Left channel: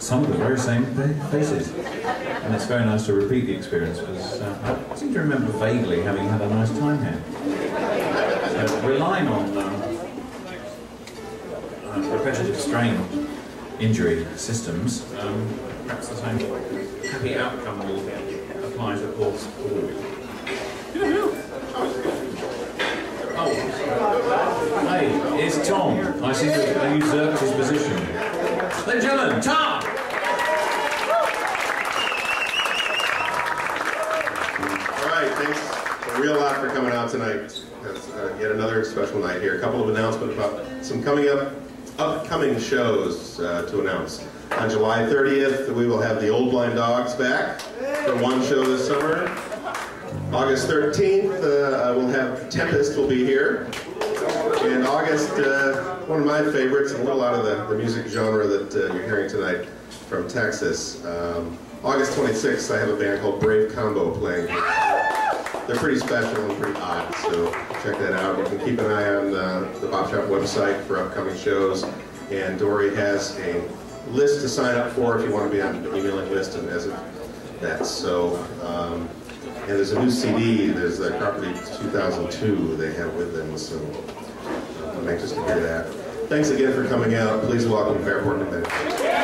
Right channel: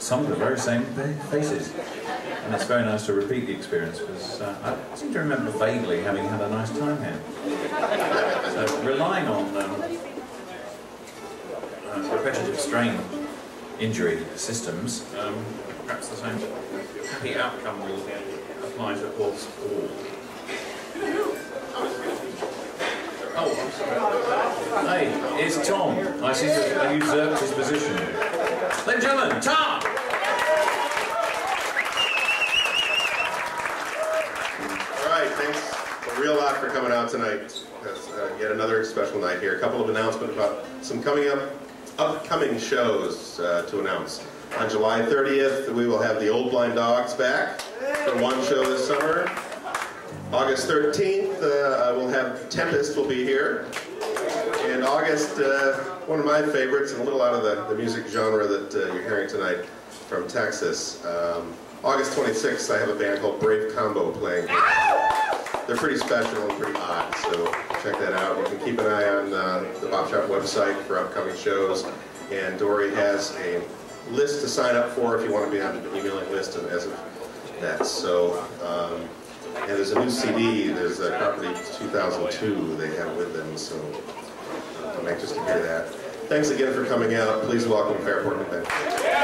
some of the very same faces. And it's very nice to repeat the experience because I seem to remember vaguely having had a nice time here. So relying on repetitive strain injury systems, perhaps the same happy outcome will apply to all. Oh, hey, it's Tom. I seem to have usurped his position. Ladies and gentlemen, Tom! All right, thanks a real lot for coming out tonight. That's yet another special night here. A couple of announcements about some upcoming shows to announce. On July 30th, we will have the Old Blind Dogs back for one show this summer. August 13th, we'll have Tempest will be here. And August, one of my favorites, and a little out of the music genre that you're hearing tonight from Texas. August 26th, I have a band called Brave Combo playing. They're pretty special and pretty odd, so check that out. You can keep an eye on the Bop Shop website for upcoming shows. And Dory has a list to sign up for if you want to be on the emailing list and as of that. So, and there's a new CD, there's the Property 2002 they have with them, so I'm anxious to hear that. Thanks again for coming out. Please welcome Fairport, New Mexico.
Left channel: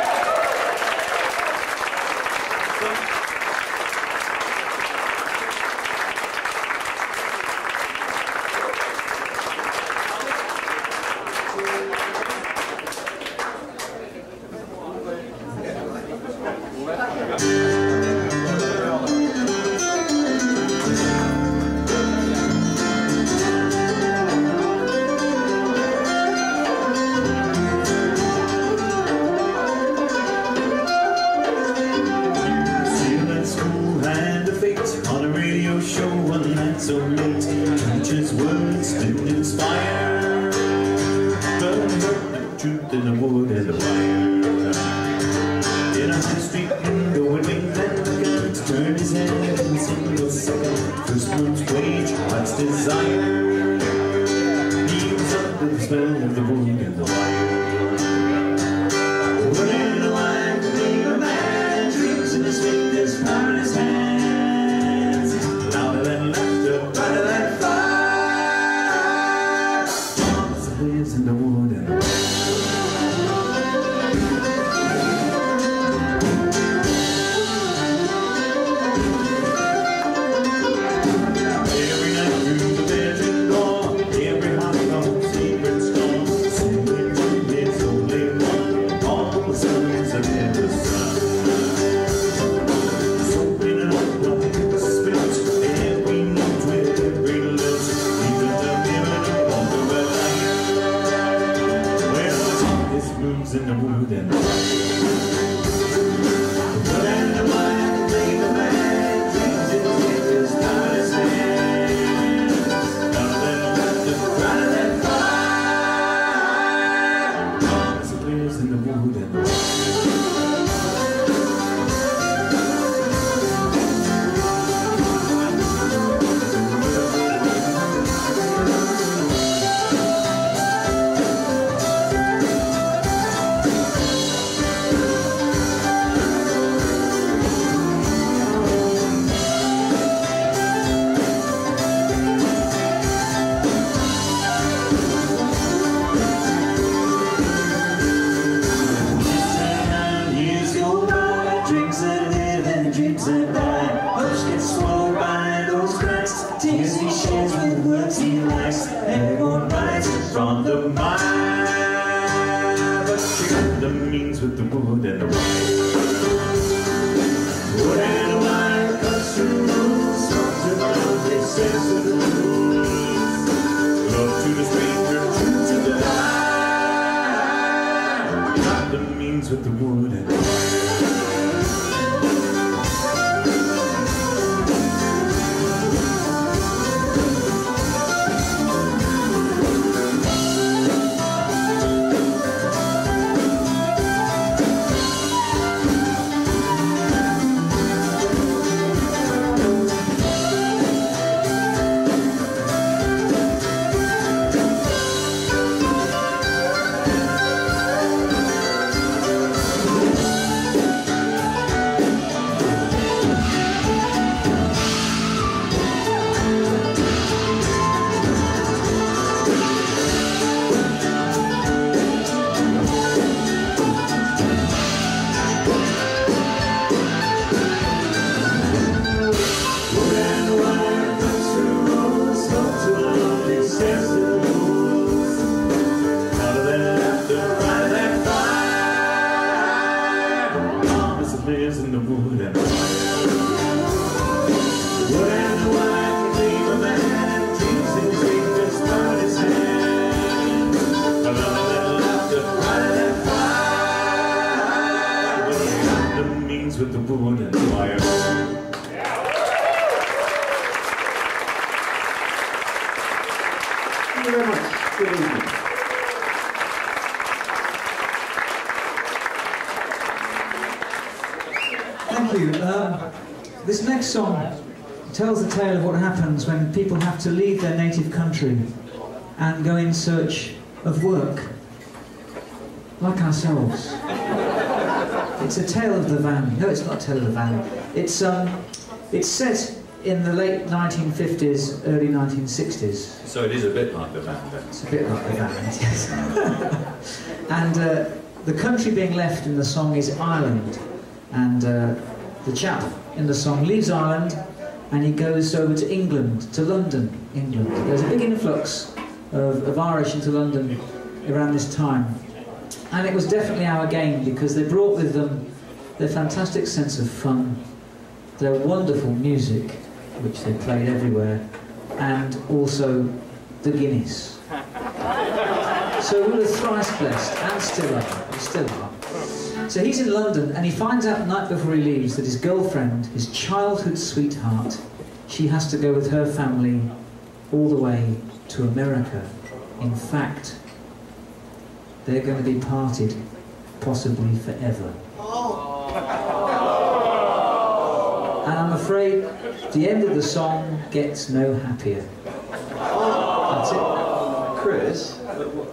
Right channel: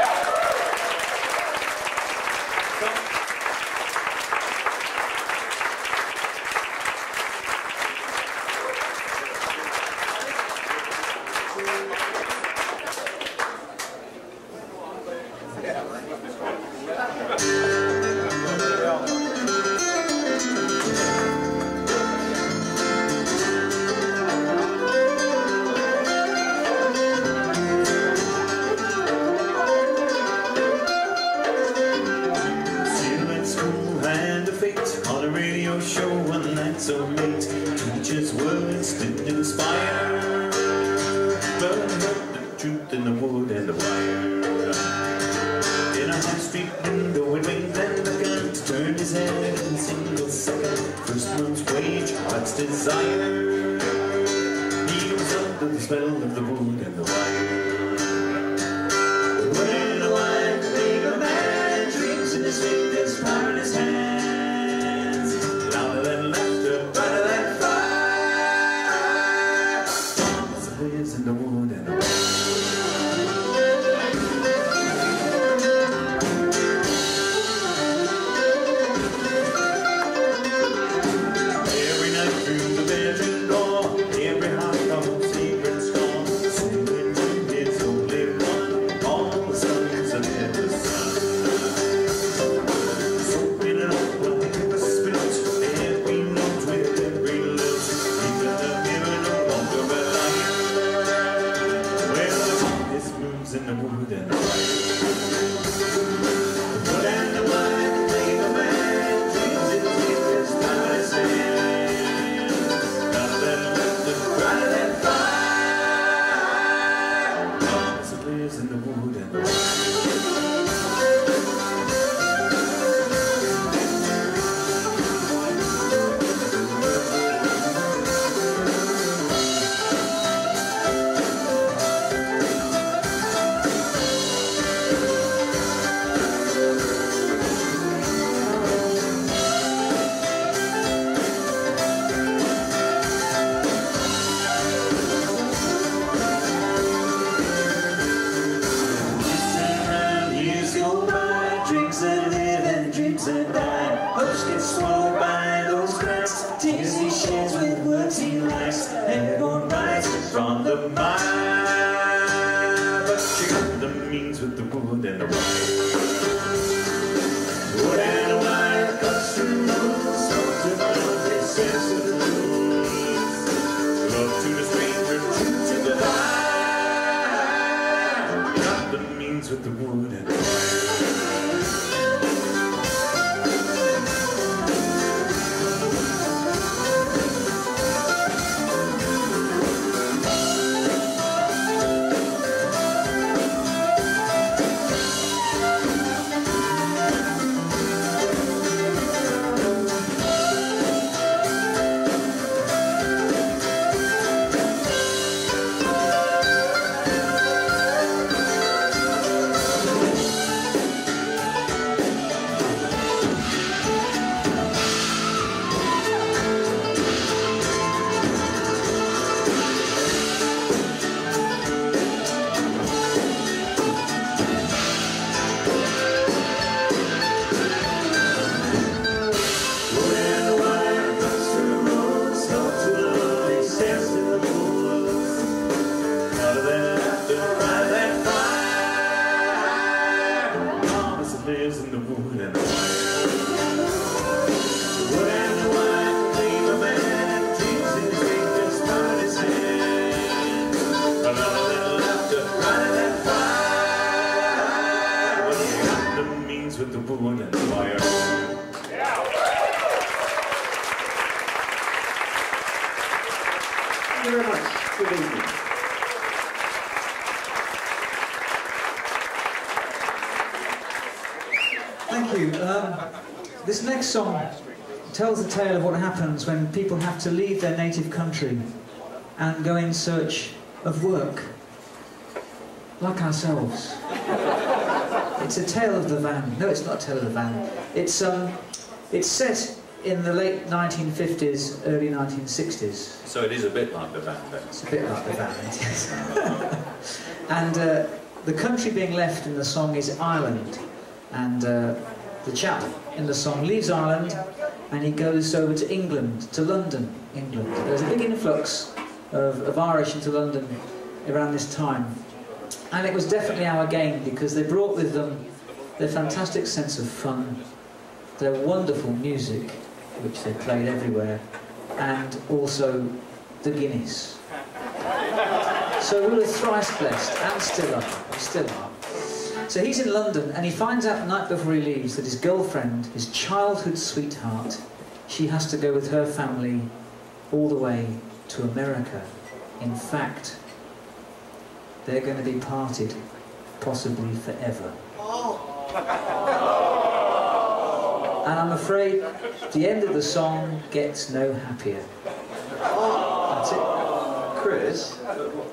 hands with the wood and fire. Thank you very much. Good evening. Thank you. This next song tells the tale of what happens when people have to leave their native country and go in search of work, like ourselves. It's a tale of the van. No, it's not a tale of the van. It's set in the late 1950s, early 1960s. So it is a bit like the van, then. It's a bit like the van, yes. And the country being left in the song is Ireland. And the chap in the song leaves Ireland and he goes over to England, to London, England. There's a big influx of Irish into London around this time. And it was definitely our game because they brought with them their fantastic sense of fun, their wonderful music, which they played everywhere, and also the Guinness. So we were thrice blessed, and still are. We still are. So he's in London, and he finds out the night before he leaves that his girlfriend, his childhood sweetheart, she has to go with her family all the way to America. In fact, they're going to be parted, possibly forever. And I'm afraid the end of the song gets no happier. That's it. Chris,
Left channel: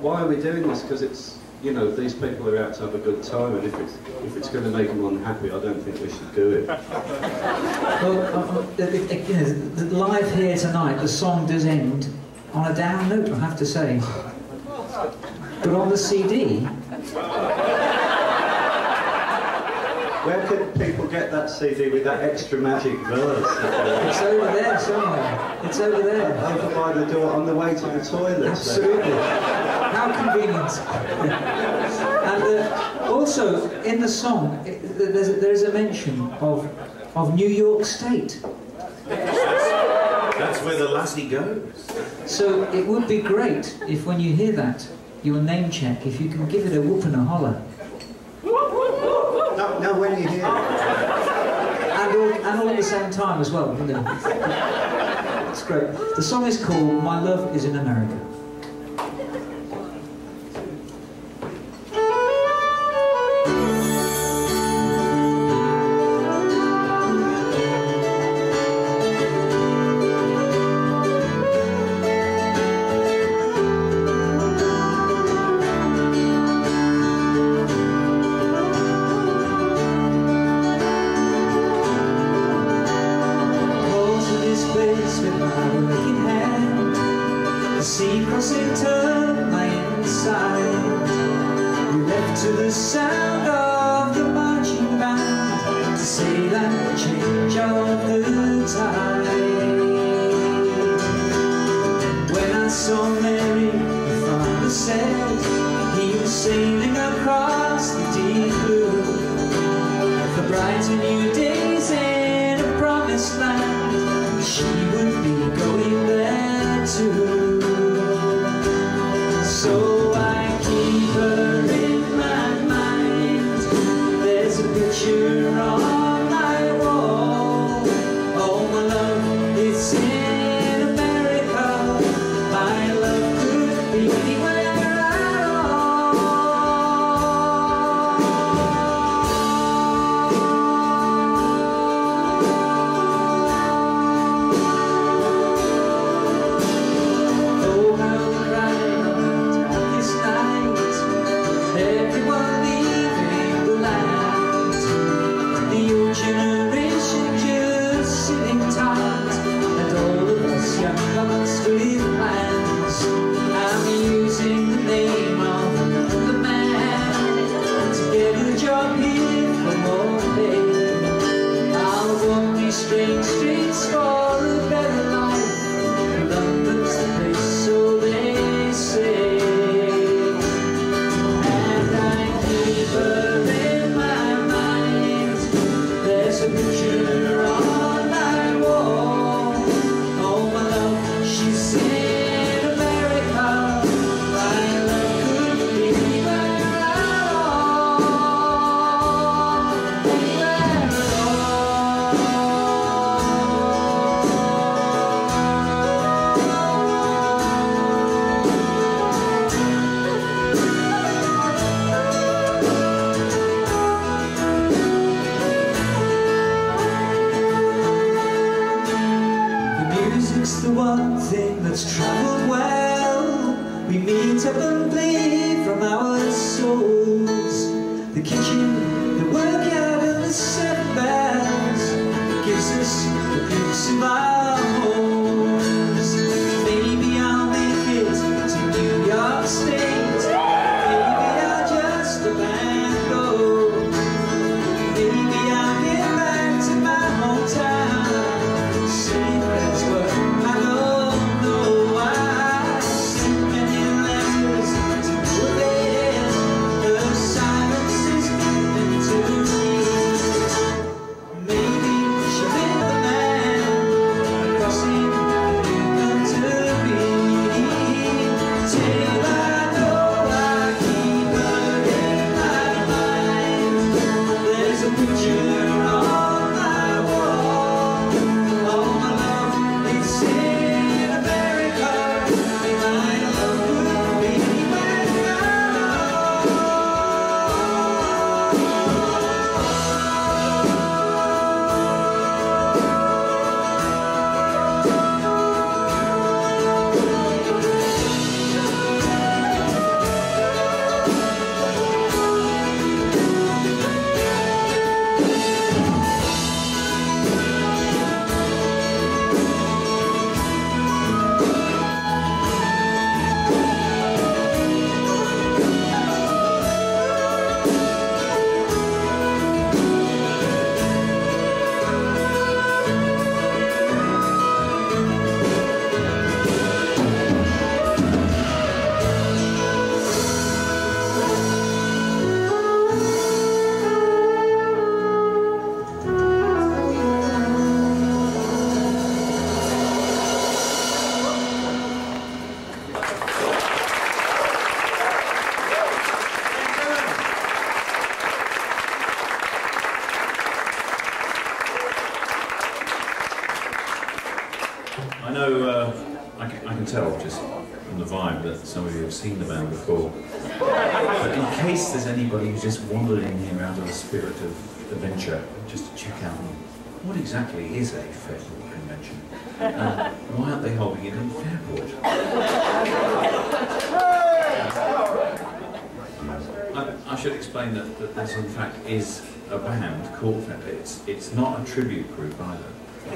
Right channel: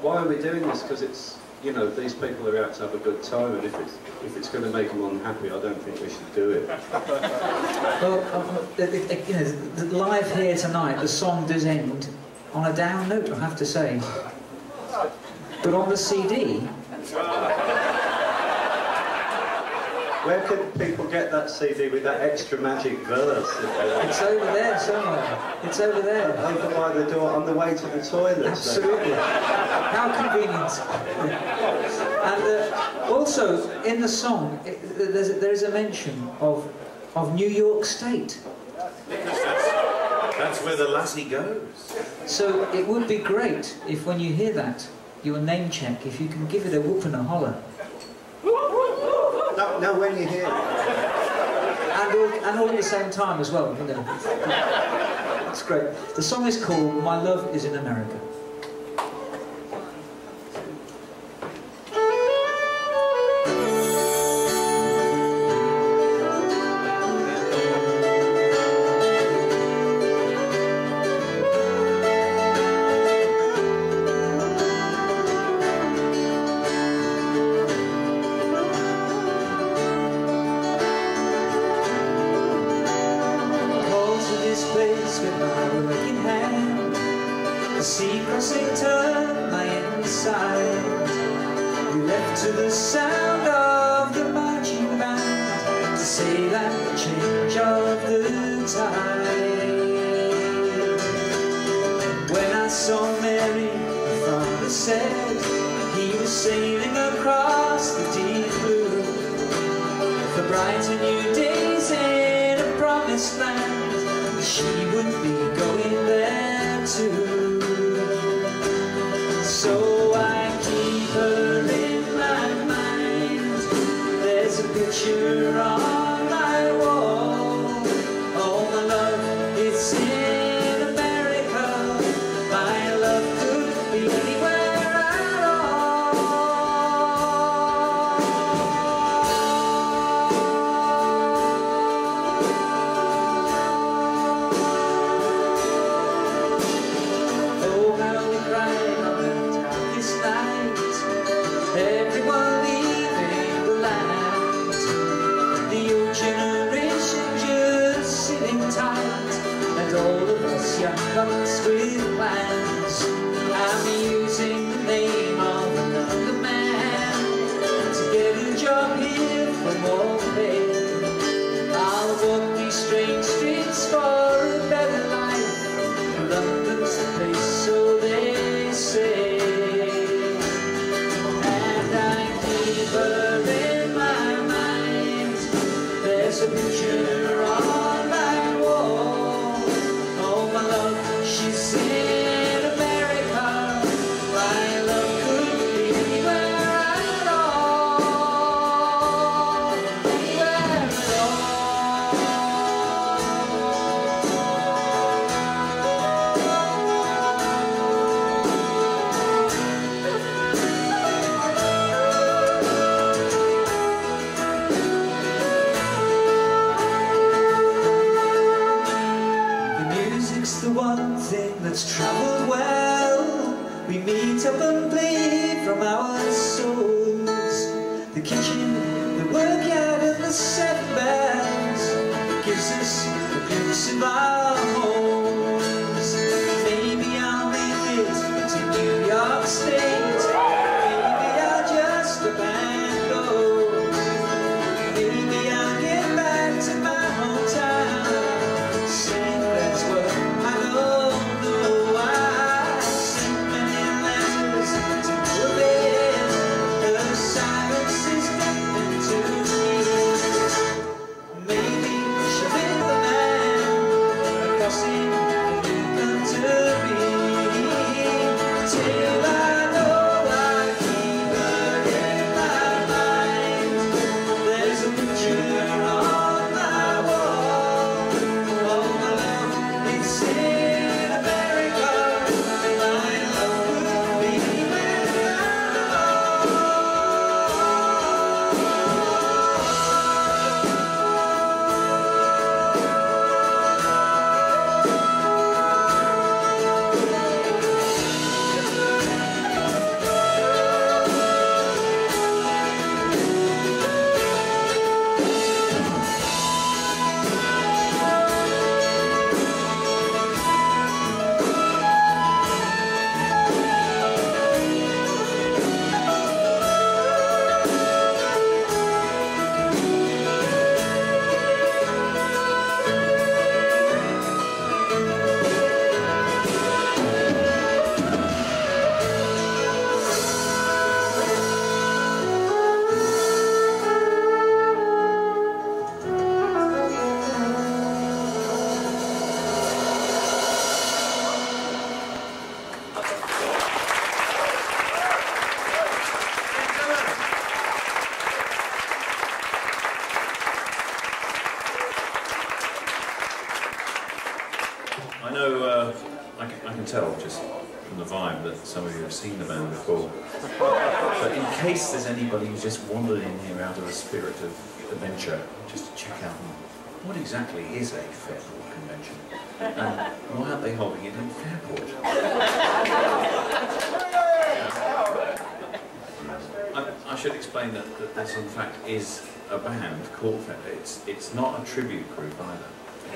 why are we doing this? Because it's, you know, these people are out to have a good time, and if it's going to make them unhappy, I don't think we should do it. Well, you know, live here tonight, the song does end on a down note, I have to say. But on the CD... Where can people get that CD with that extra magic verse? It's over there somewhere. It's over there. Over by the door, on the way to the toilet. Absolutely. How convenient. And also, in the song, there's a mention of New York State. That's where the lassie goes. So it would be great if when you hear that, your name check, if you can give it a whoop and a holler. No, when you hear it. And all at the same time as well. You know. It's great. The song is called My Love Is in America. With my working hand, the sea crossing turned my inside. We left to the sound of the marching band to say that change of the tide. When I saw Mary, my father said he was sailing across the deep blue for brighter new days in a promised land. She would be going there too. So I keep her in my mind. There's a picture on my wall. Oh, my love, it's in America. My love could be anywhere at all. Everyone leaving the land. The that's travelled well. We meet up and bleed from our souls. The kitchen, the workyard and the 7 bells, it gives us a glimpse of our homes. Maybe I'll make it to New York State. Maybe I'll just abandon. Maybe I'll get back to my hometown. Say that's what I don't know. I sent many letters to no avail. The silence is nothing to me. Maybe she'll be the man crossing the country. Till I know I keep her in my mind. There's a picture on my wall. All my love is in America. My love would be I know, I can tell just from the vibe that some of you have seen the band before. But in case there's anybody who's just wandered in here out of a spirit of adventure, just to check out what exactly is a Fairport convention, and why aren't they holding it in Fairport? I should explain that this in fact is a band called Fairport. It's not a tribute group either.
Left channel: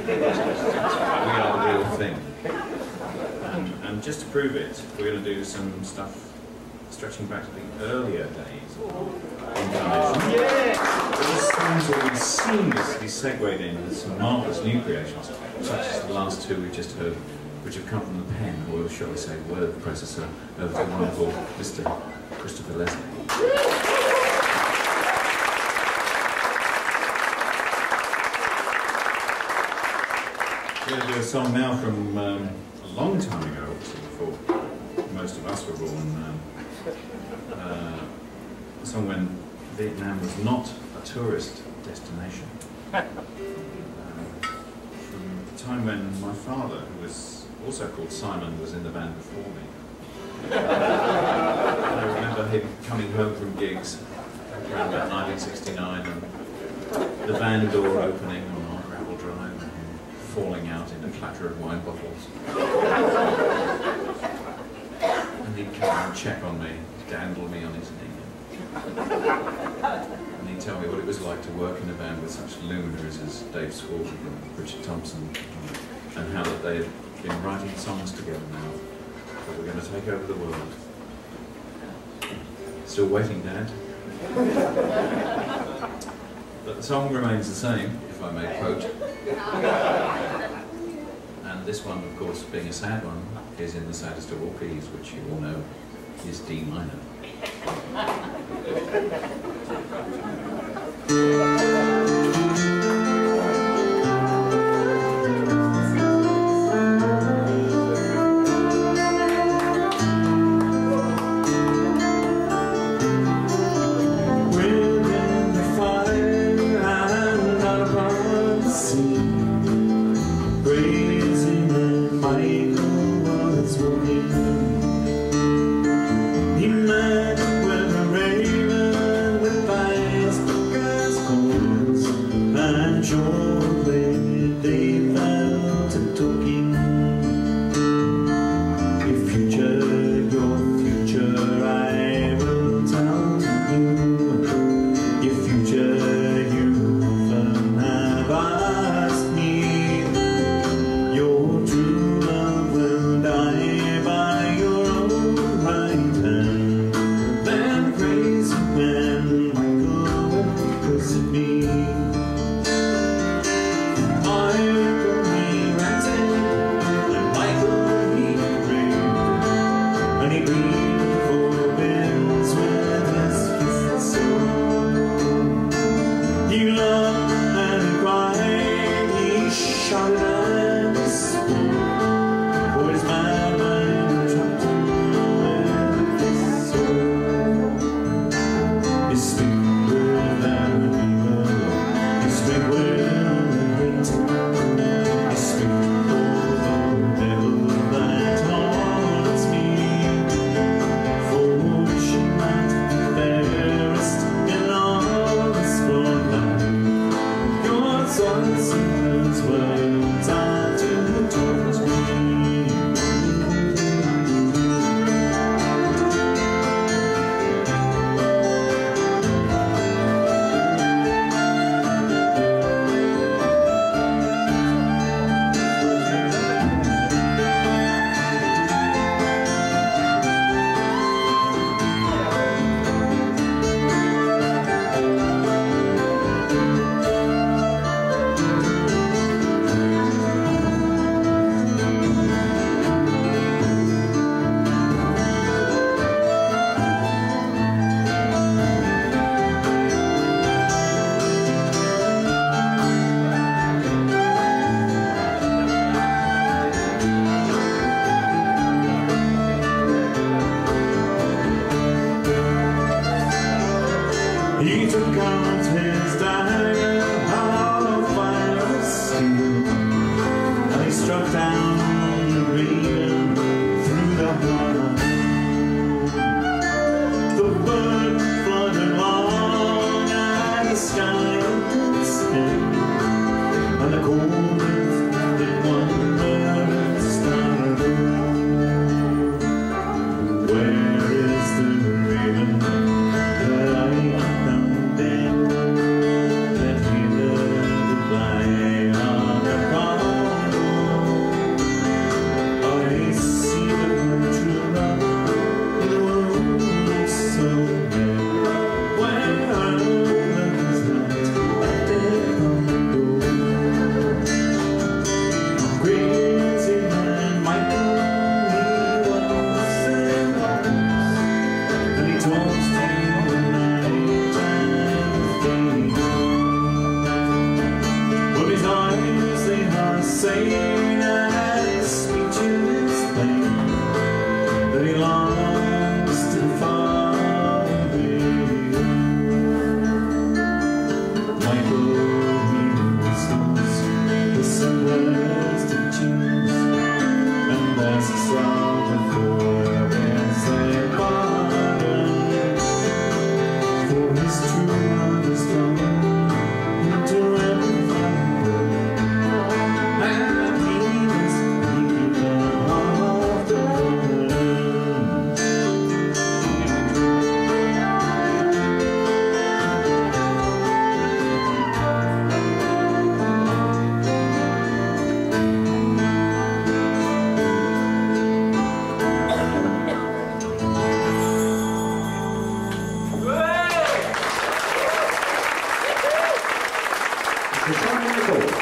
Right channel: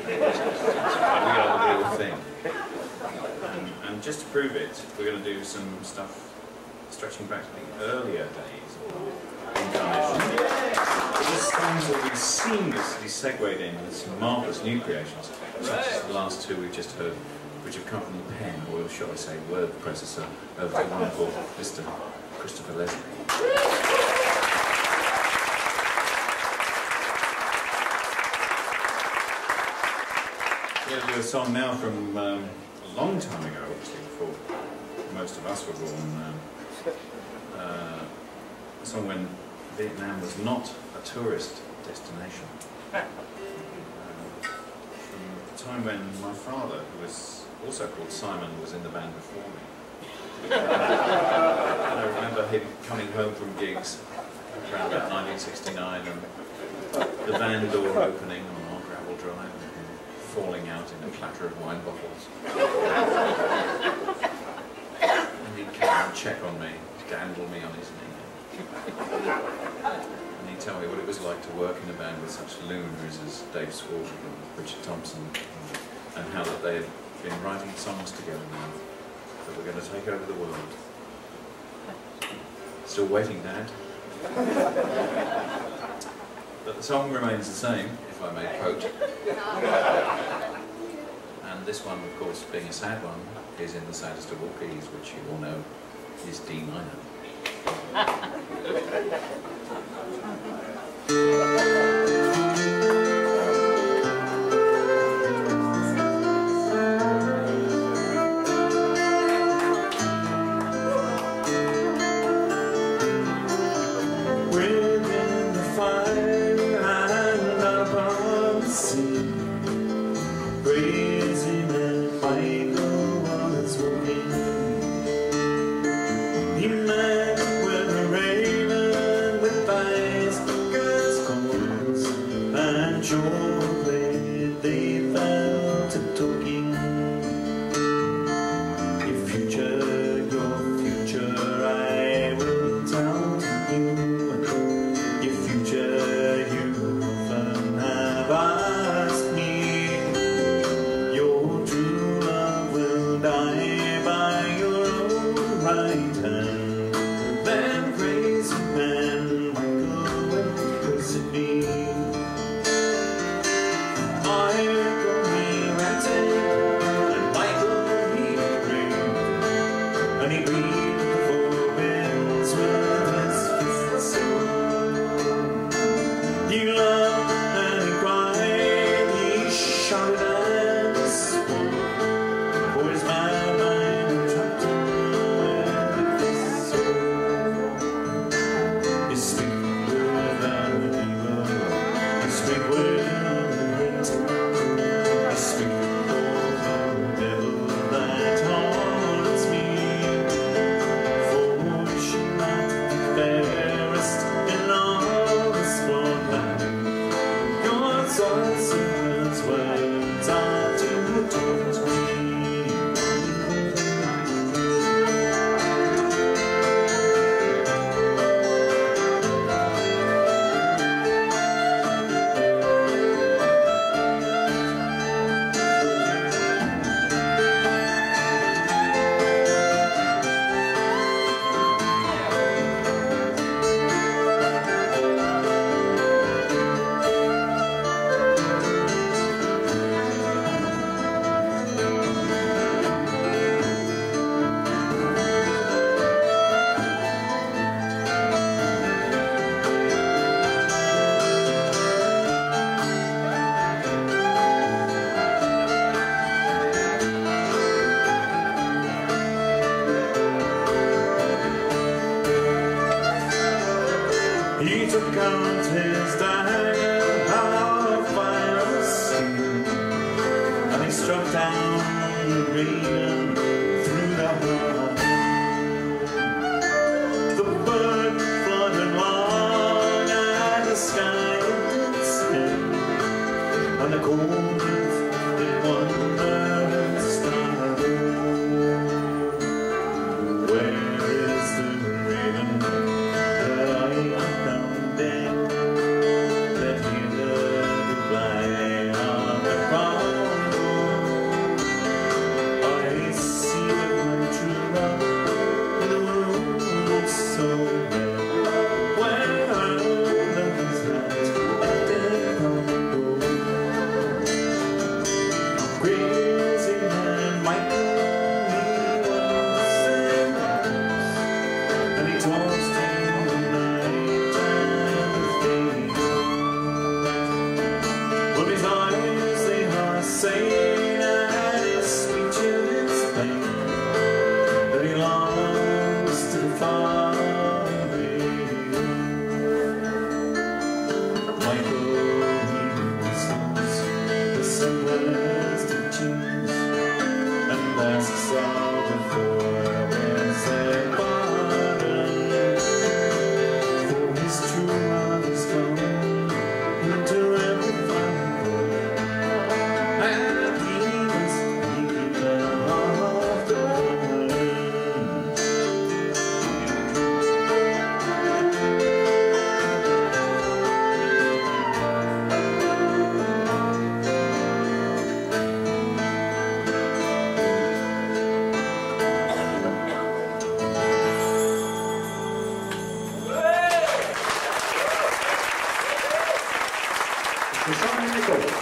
We are the real thing. And just to prove it, we're going to do some stuff stretching back to the earlier days of incarnation. These songs will be seamlessly segued in with some marvellous new creations, such as the last two we've just heard, which have come from the pen, or shall we say, word processor, of the wonderful Mr. Christopher Leslie. We're going to do a song now from a long time ago, obviously before most of us were born. A song when Vietnam was not a tourist destination. From the time when my father, who was also called Simon, was in the band before me. And I remember him coming home from gigs around about 1969 and the van door opening on our gravel drive and him falling out in a clatter of wine bottles. And he'd come and check on me, dandle me on his knee. And he'd tell me what it was like to work in a band with such lunars as Dave Swartz and Richard Thompson, and how that they had been writing songs together now that were going to take over the world. Still waiting, Dad. But the song remains the same, if I may quote. And this one, of course, being a sad one, is in the saddest of all keys, which you all know is D minor. He loved and he cried, he shouted and he swore, for his mad mind trapped him with his soul. His speak with evil, his speak with hate, his speak for the devil that haunts me, for she might fairest in all this broad land. God's answers words are to taunt me. He took out his dagger of fire and steel, and he struck down the raven through the heart. The bird fluttered long and the sky was still, and the cold earth did wonder star. Where is the raven that I found dead, that hindered the flying of the brown road? I see that my true love in the world looks so dead. Where are those that dead long ago? Crazy man Michael, he was and was, and he tossed in the night and the day. But his eyes, they are sane, and his speech is plain, that he longs to far away. Michael, he whistles the simplest of tunes, and asks all before there's a pardon, for his true love is coming into every boy, and he must keep them off the burden. So someone in the court.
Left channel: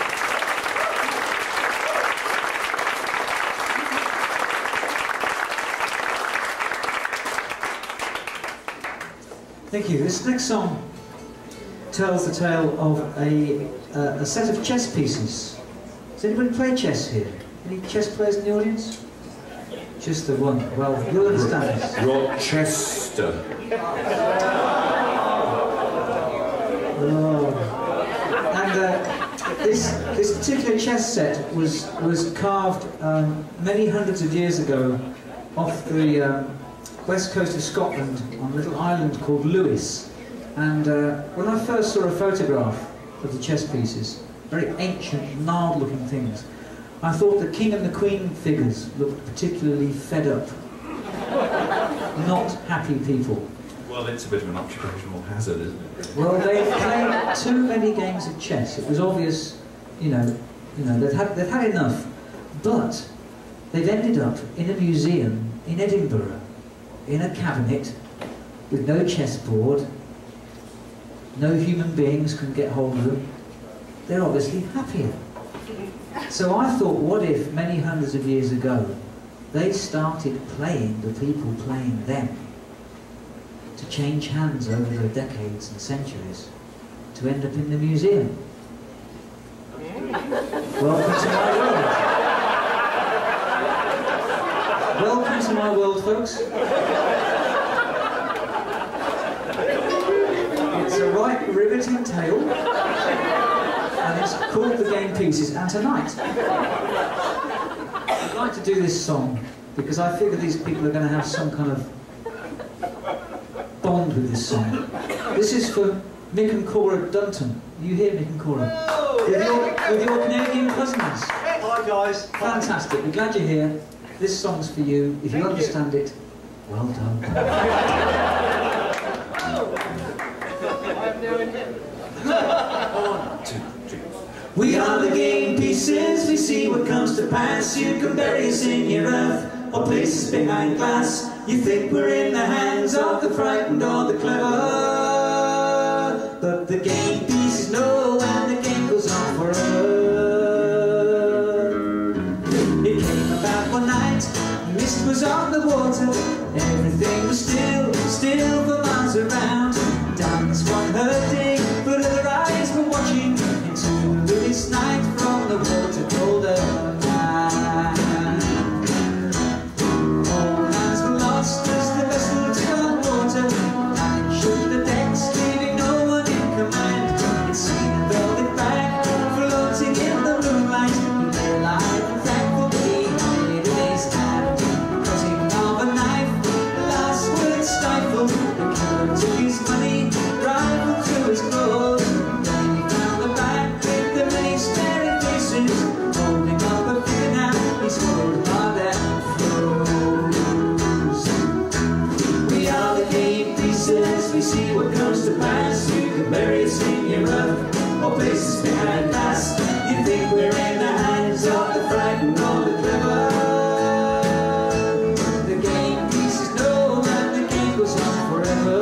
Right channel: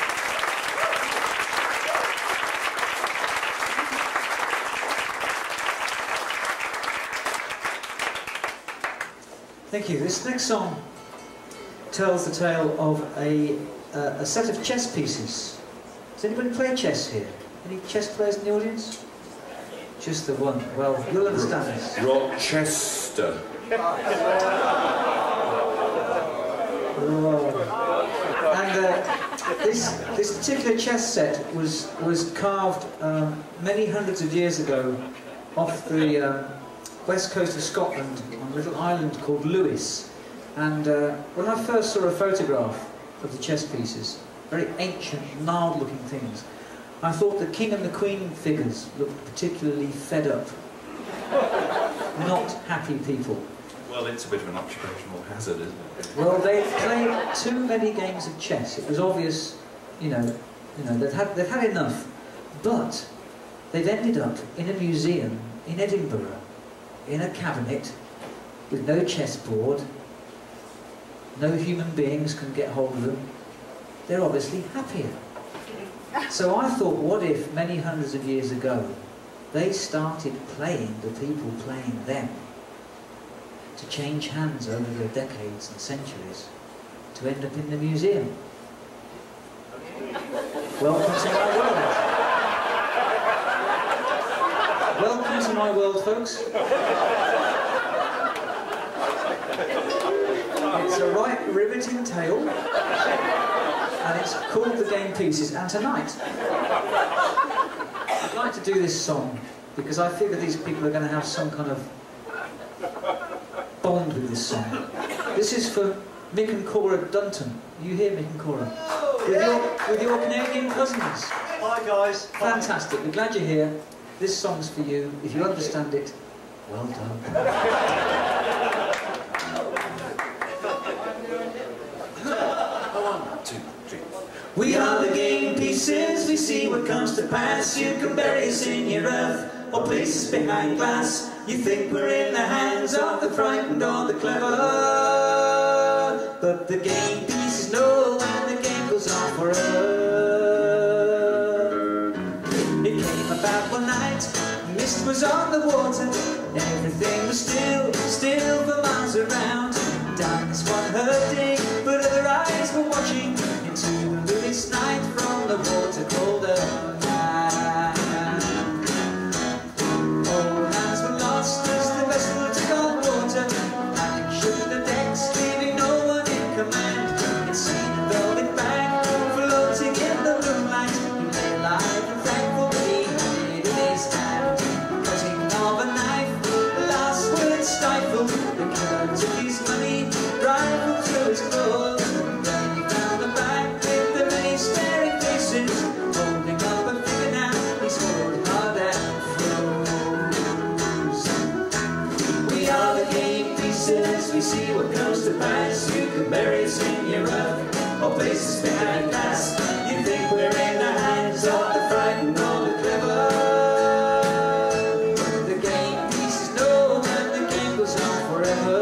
Thank you. This next song tells the tale of a set of chess pieces. Does anybody play chess here? Any chess players in the audience? Just the one. Well, you'll understand this. Rochester. Oh. And this particular chess set was carved many hundreds of years ago off the west coast of Scotland on a little island called Lewis. And when I first saw a photograph of the chess pieces, very ancient, gnarled-looking things, I thought the king and the queen figures looked particularly fed up. Not happy people. Well, it's a bit of an occupational hazard, isn't it? Well, they've played too many games of chess. It was obvious, you know, they've had enough. But they've ended up in a museum in Edinburgh, in a cabinet, with no chessboard. No human beings can get hold of them. They're obviously happier. So I thought, what if many hundreds of years ago they started playing the people playing them, to change hands over the decades and centuries, to end up in the museum. Welcome to my world. Welcome to my world, folks. It's a right riveting tale, and it's called The Game Pieces. And tonight, I'd like to do this song because I figure these people are going to have some kind of bond with this song. This is for Mick and Cora Dunton. You hear Mick and Cora? With your Canadian cousins. Hi guys. Fantastic. We're glad you're here. This song's for you. If you understand it, well done. We are the game pieces, we see what comes to pass. You can bury us in your earth, or places behind glass. You think we're in the hands of the frightened or the clever, but the game pieces know when the game goes on forever. It came about one night, mist was on the water, everything was still for miles around. Down this one hurting, but other eyes were watching into the luminous night from the water colder night. All hands were lost as the vessel took on water, and shook the decks, leaving no one in command. It seemed a velvet bag floating in the moonlight. He lay alive and thankful that he had it in his hand. Cutting of a knife, the last word stifled. The killer took his money, rifled through his clothes. Then he found the bag with the many staring faces, holding up a finger now, he swallowed hard and froze. We are the game pieces, we see what comes to pass. You can bury us in your earth, or places behind glass. You think we're in the hands of the frightened or the clever. The game pieces know when the game goes on forever.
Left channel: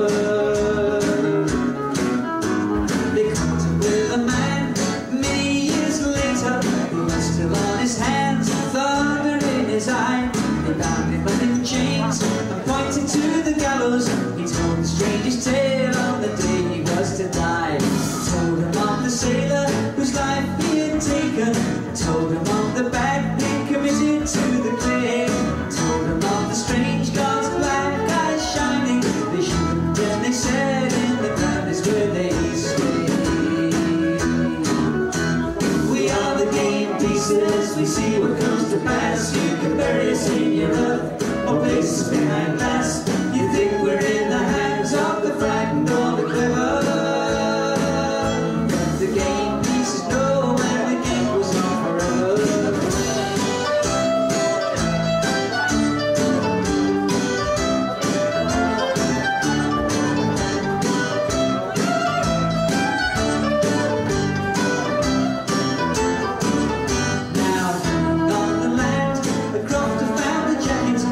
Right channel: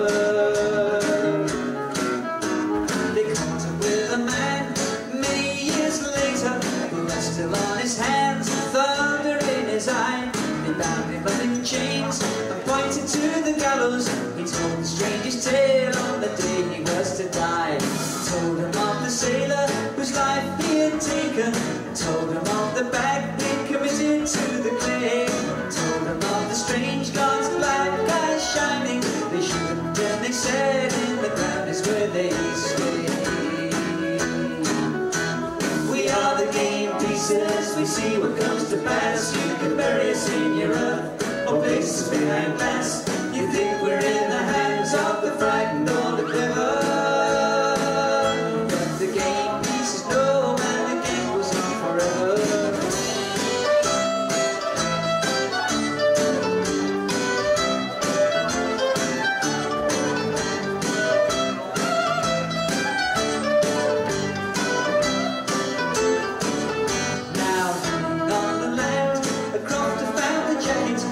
They caught him with a man many years later, who was still on his hands, thunder in his eye. They bound him up in chains and pointed to the gallows. He told the strangest tale on the day he was to die. Told him of the sailor whose life he had taken. Told him of the bag he'd committed to the clay. Told him of the strange gods, black eyes shining. They shook him then they said, in the ground is where they stay. We are the game pieces, we see what comes to pass. You can bury us in your earth, or places behind glass. You think we're in the hands of the frightened or the clever, but the game pieces know when the game goes on forever. Now, on the land, a crofter found a jacket,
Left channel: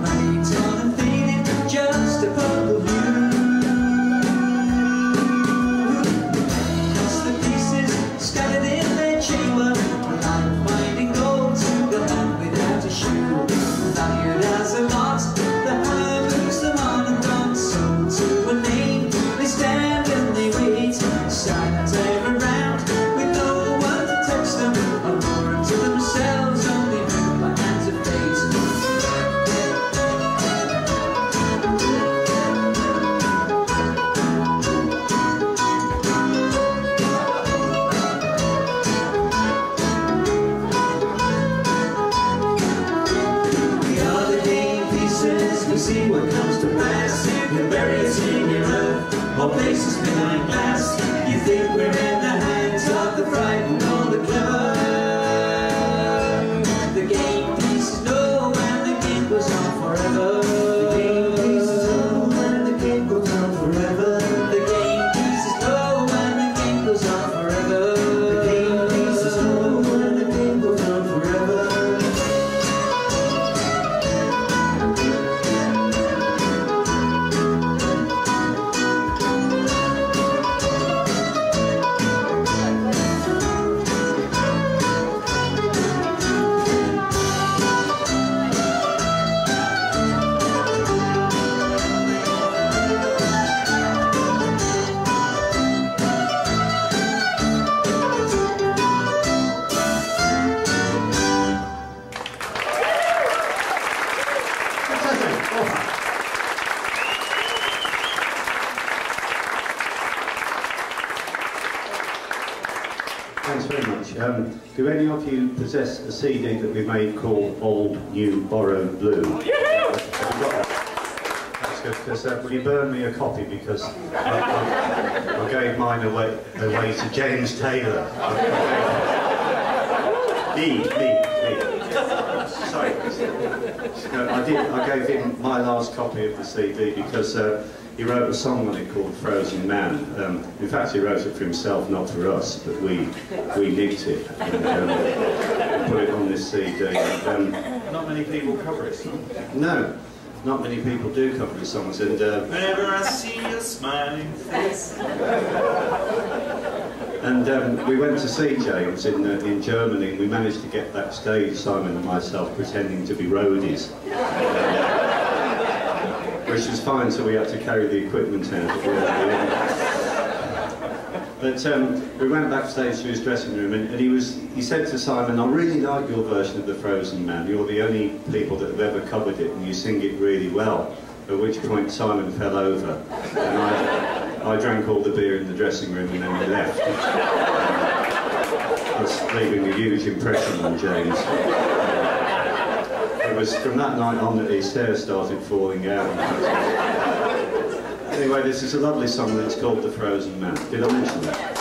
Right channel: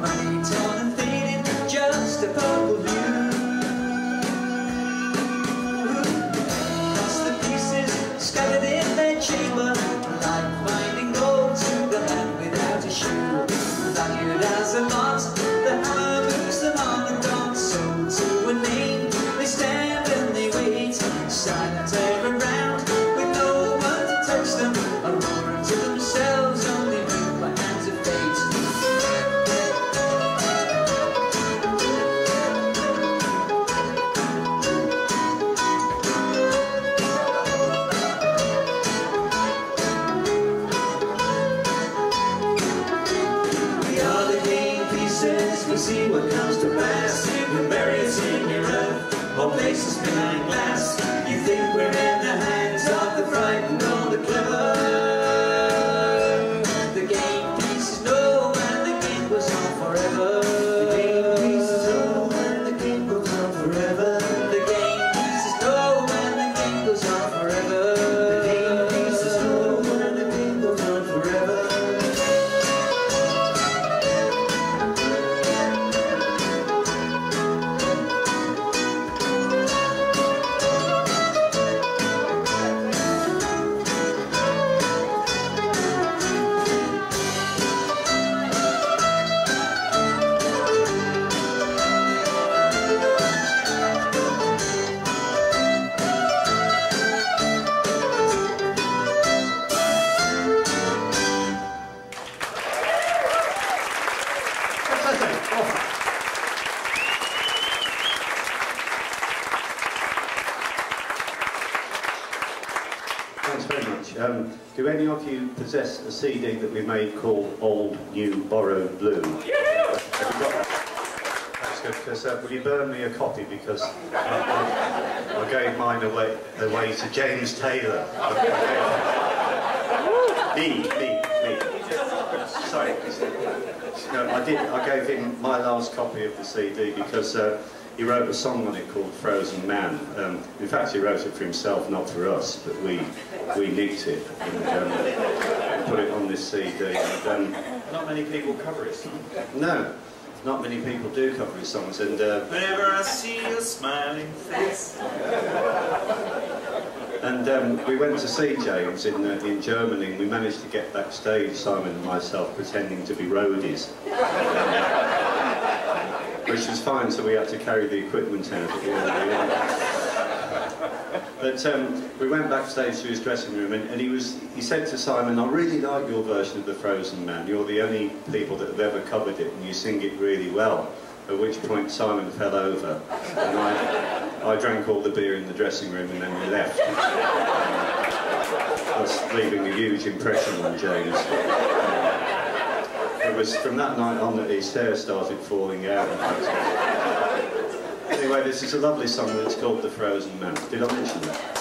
money torn and faded, just a purple hue. That's the pieces scattered in their chamber, like finding gold to the hand without a shoe. Valued as a lot, the hammer moves them on and on. Sold to a name, they stand and they wait, silent ever round, with no one to touch them, or more to themselves, only moved by hands of fate. We are the game pieces, we see what comes to pass. You can bury us in your earth, or places behind glass. You think we're in the Thanks very much. Do any of you possess a CD that we made called Old, New, Borrowed Blue? Have you got that? That's good, because will you burn me a copy, because I gave mine away to James Taylor. Me. Sorry. No, I gave him my last copy of the CD because he wrote a song on it called Frozen Man. In fact, he wrote it for himself, not for us, but we nicked it and put it on this CD. And, Not many people cover his song. no, not many people do cover his songs. And Whenever I see your smiling face. And we went to see James in Germany, and we managed to get backstage, Simon and myself, pretending to be roadies. Which was fine, so we had to carry the equipment out. But we went backstage to his dressing room, and he said to Simon, "I really like your version of the Frozen Man. You're the only people that have ever covered it, and you sing it really well." At which point Simon fell over, and I drank all the beer in the dressing room, and then we left. Thus leaving a huge impression on James. It was from that night on that his hair started falling out. Anyway, this is a lovely song that's called The Frozen Man. Did I mention that?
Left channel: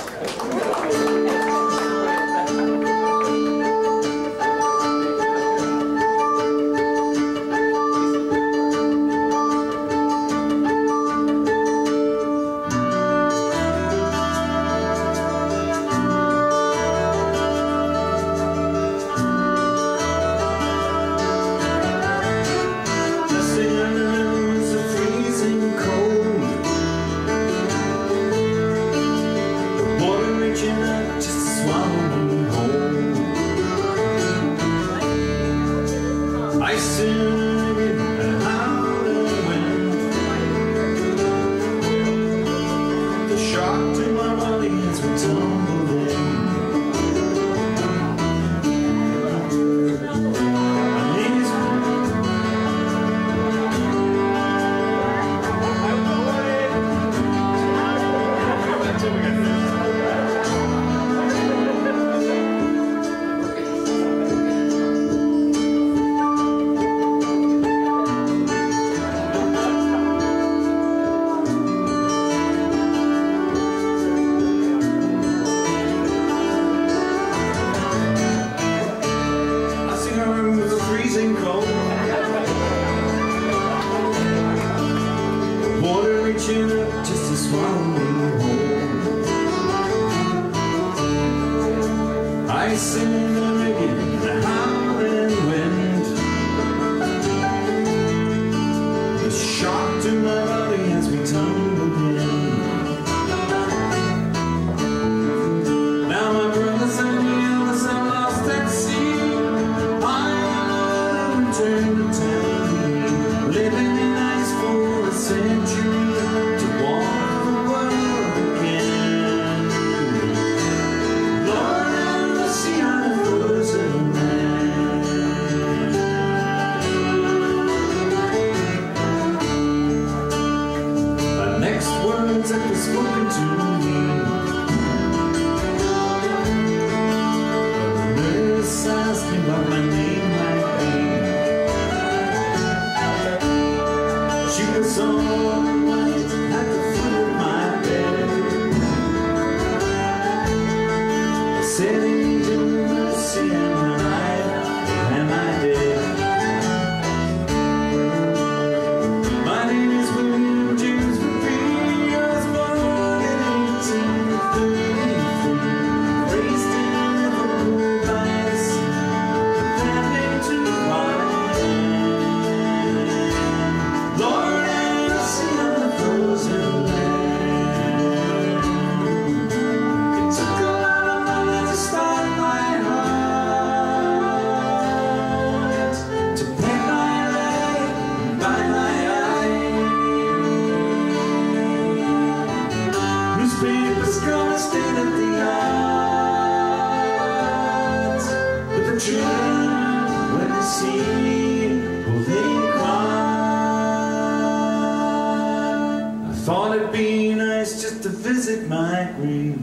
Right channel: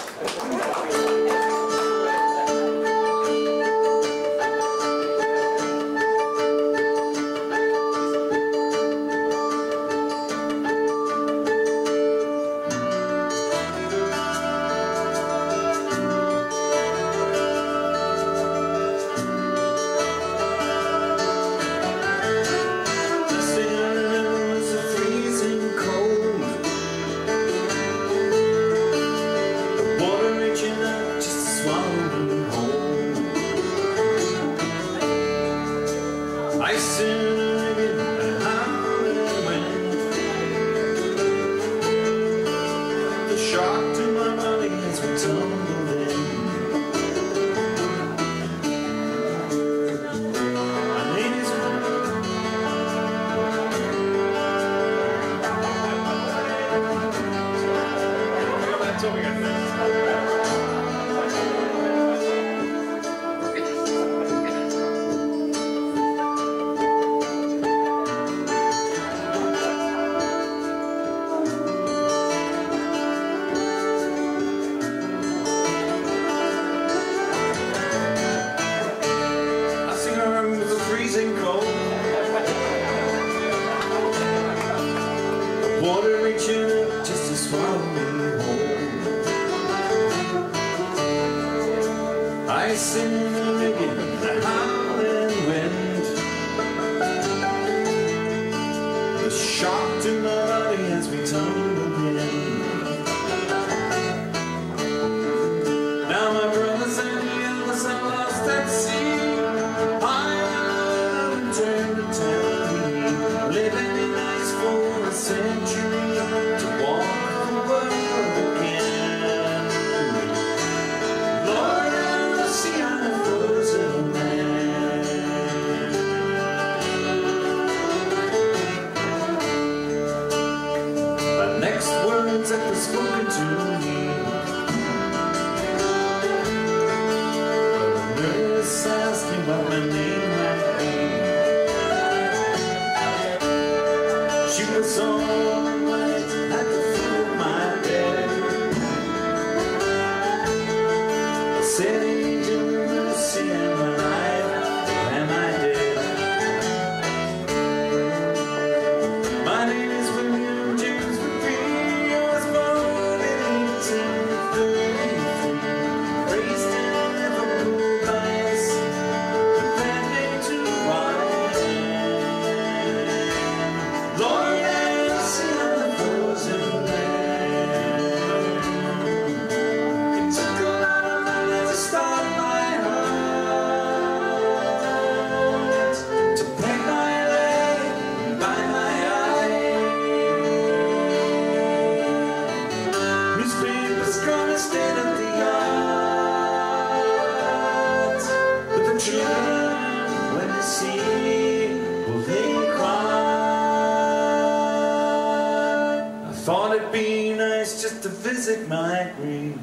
Thought it'd be nice just to visit my grave.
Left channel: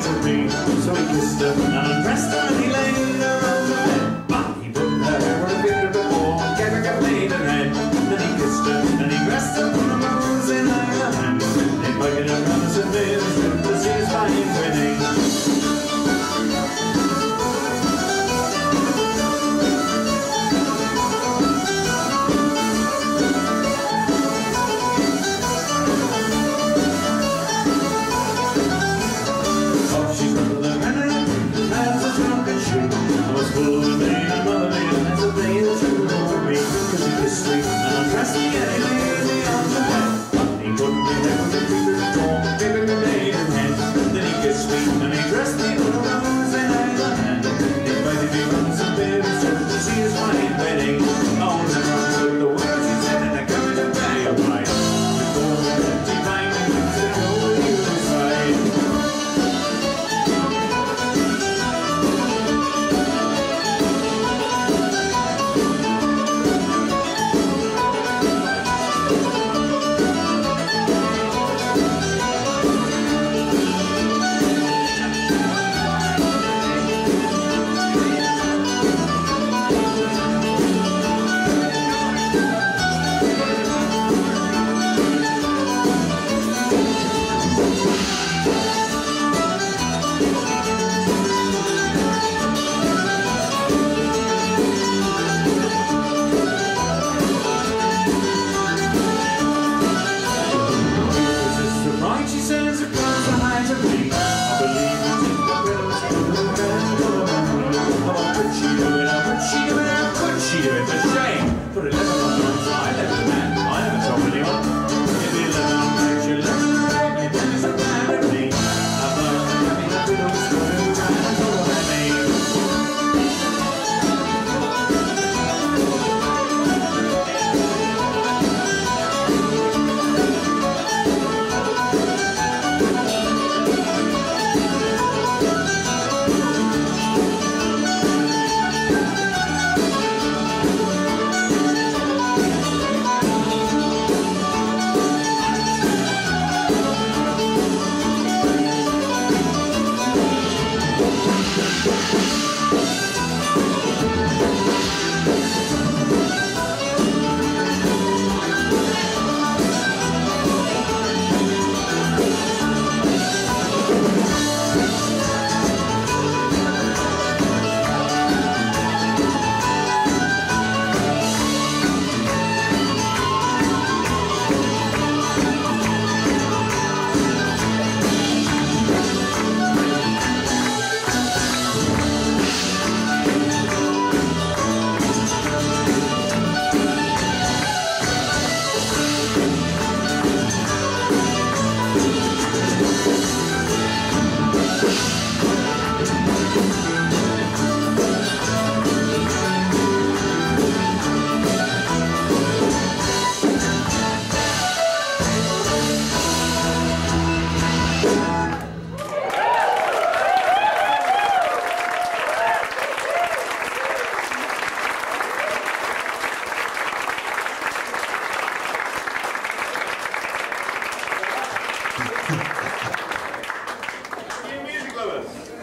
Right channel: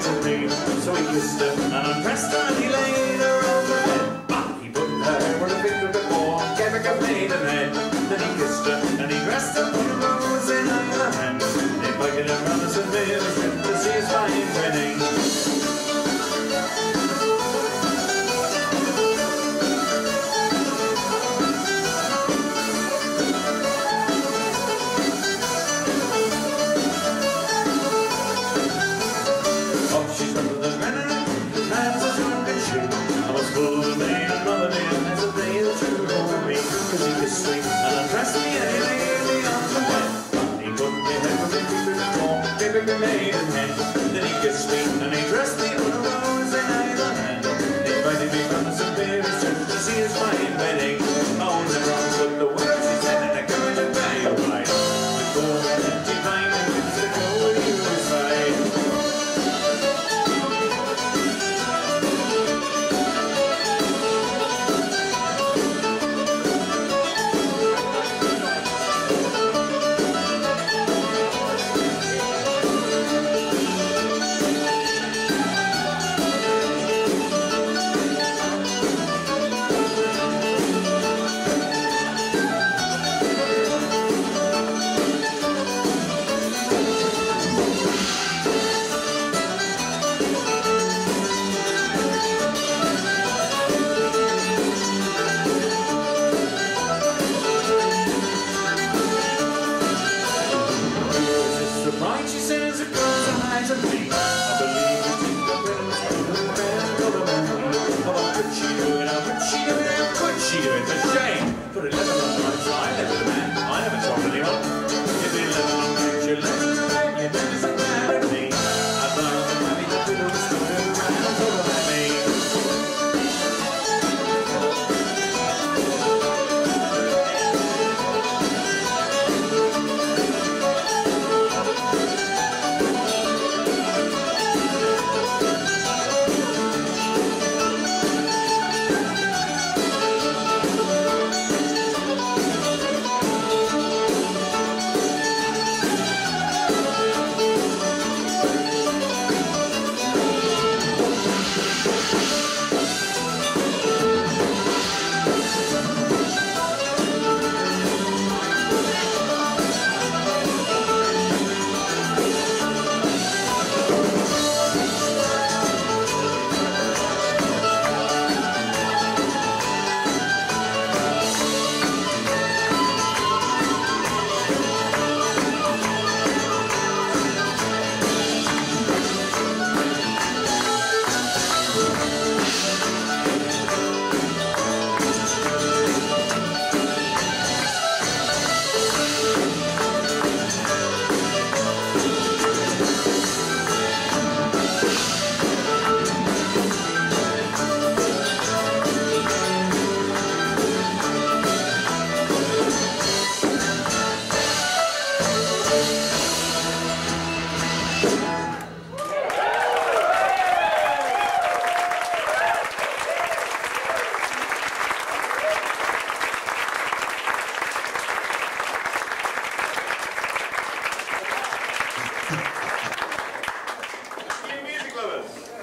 to me. So he kissed her and undressed her and he laid her on the bed. But he put her over a finger before, gave her a maidenhead. Then he kissed her and he dressed her, put a rose in her hand. Invited her round to St. Mary's to see his fine wedding.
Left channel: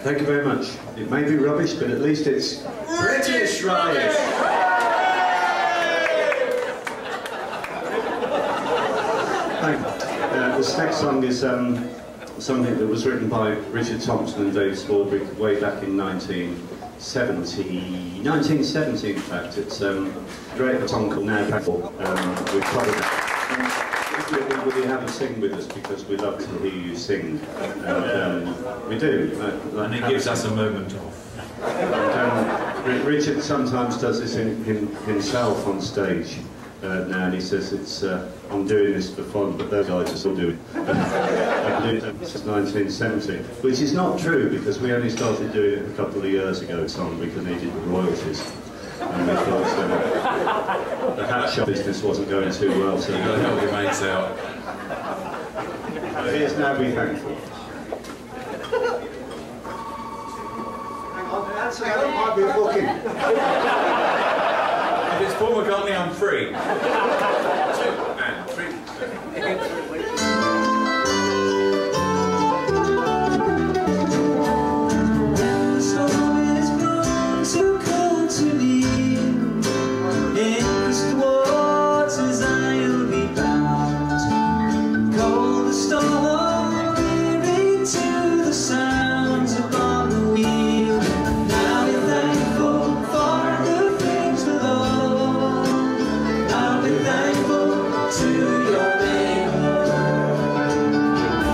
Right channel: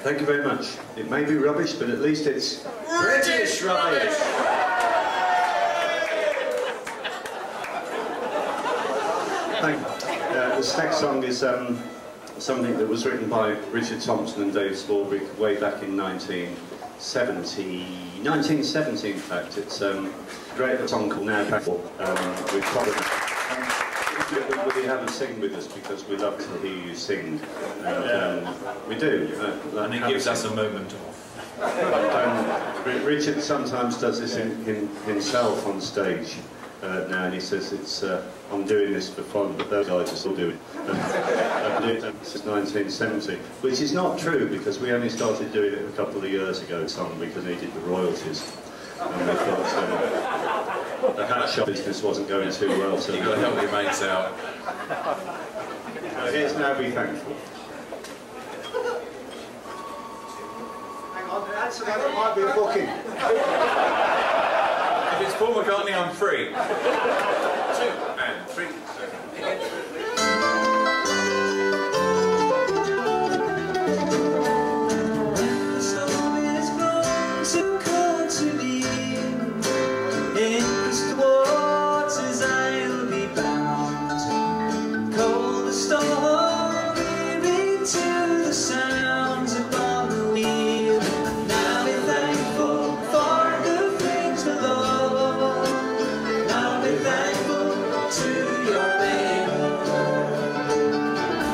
Thank you very much. It may be rubbish, but at least it's British rubbish! Thank you. This next song is something that was written by Richard Thompson and Dave Swarbrick way back in 1970 in fact. It's a great song called Now Fairport. We've covered it. Will you have a sing with us, because we love to hear you sing, and we do. And it gives us a moment off. And, Richard sometimes does this himself on stage now, and he says it's I'm doing this for fun, but those guys are still doing it. I've been doing it since 1970, which is not true, because we only started doing it a couple of years ago, song because he did the royalties. And we thought the hat shop business wasn't going too well, so you've got to help your mates out. So here's Now Be Thankful. Hang on, actually, that might be a booking. If it's Paul McCartney, I'm free. 2 and 3. the sounds upon the wheel. Now be thankful for the things below. Now be thankful to your Maker.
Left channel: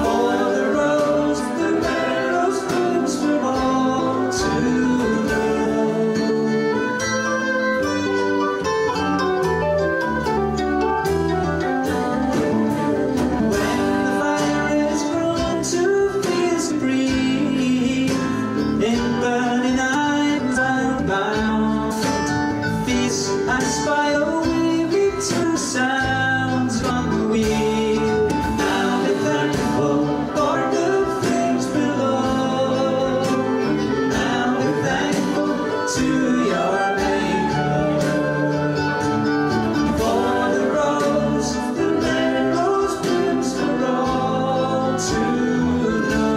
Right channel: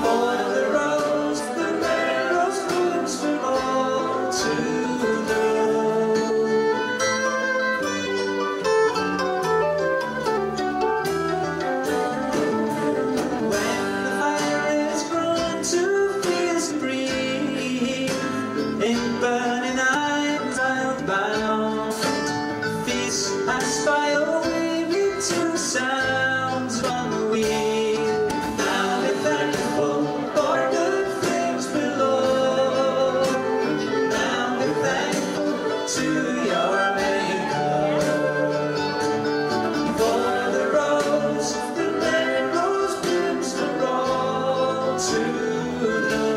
For the rose, the red rose blooms for all to know. When the fire is grown to fierce breeze, in burning eyes I'll bound, feast and spy away to sounds from the wheel. Now be thankful for the things below. Now be thankful to your Maker. For the rose, the red rose blooms for all to know.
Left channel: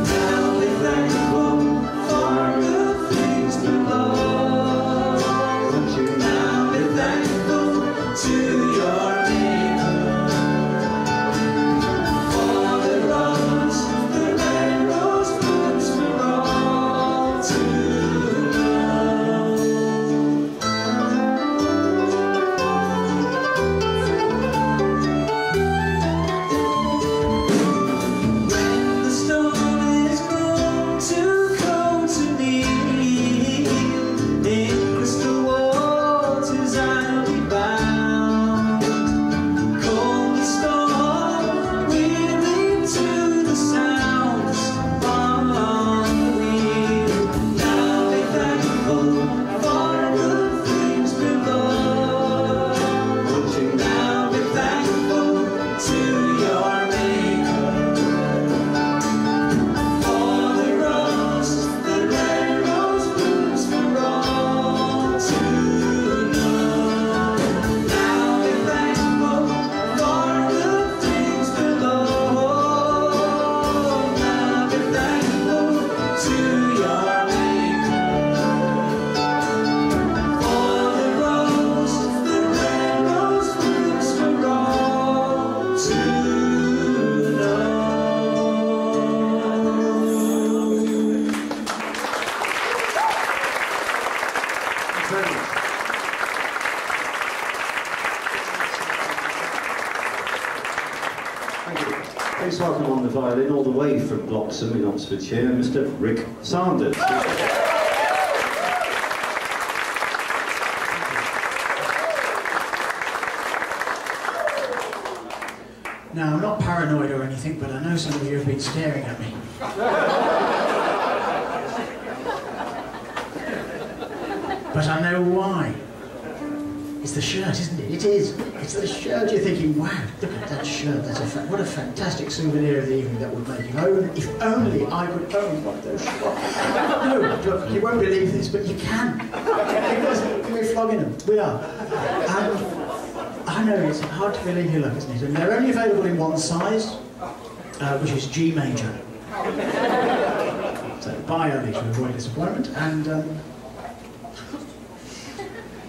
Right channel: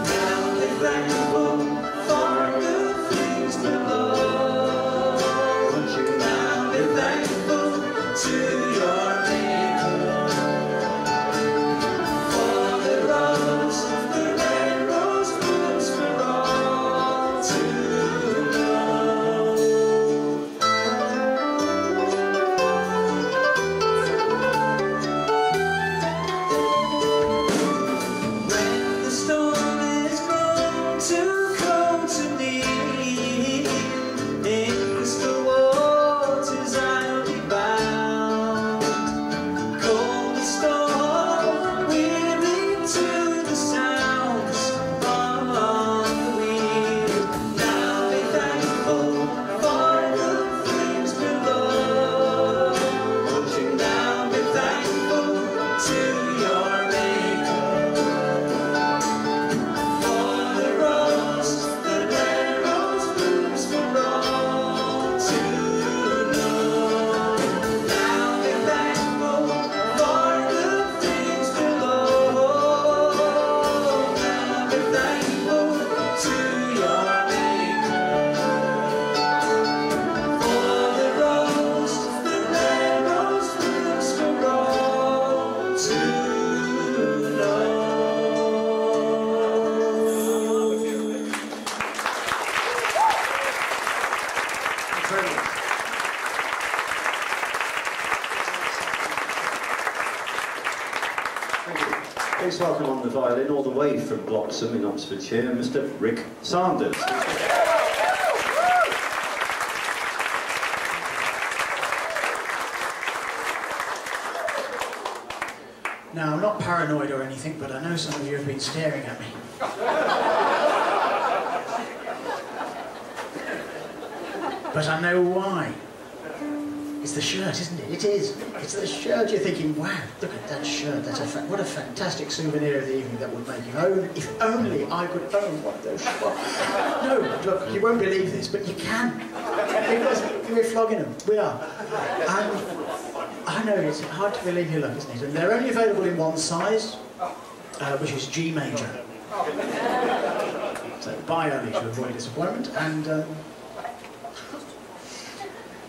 Now be thankful for the things below. Now be thankful to your Maker. For the rose, the red rose blooms for all to know. When the storm is grown too cold to kneel, in crystal waters I'll be bound. Cold the storm, weary to the sounds on the wheel. Now be thankful for the things below. Now be thankful to your Maker. For the rose, the red rose blooms for all to know. Now be thankful for the things below. Now be thankful to your Maker. For the rose, the red rose blooms for all to know. Thank you. Please welcome on the violin, all the way from Bloxham in Oxfordshire, Mr. Rick Sanders. Now, I'm not paranoid or anything, but I know some of you have been staring at me. But I know why. It's the shirt, isn't it? It is. It's the shirt. You're thinking, wow, look at that shirt. That's what a fantastic souvenir of the evening that would make. If only I could own one of those shirts. No, look, you won't believe this, but you can. Because we're flogging them. We are. And I know it's hard to believe your luck, isn't it? And they're only available in one size, which is G major. So buy early to avoid disappointment. And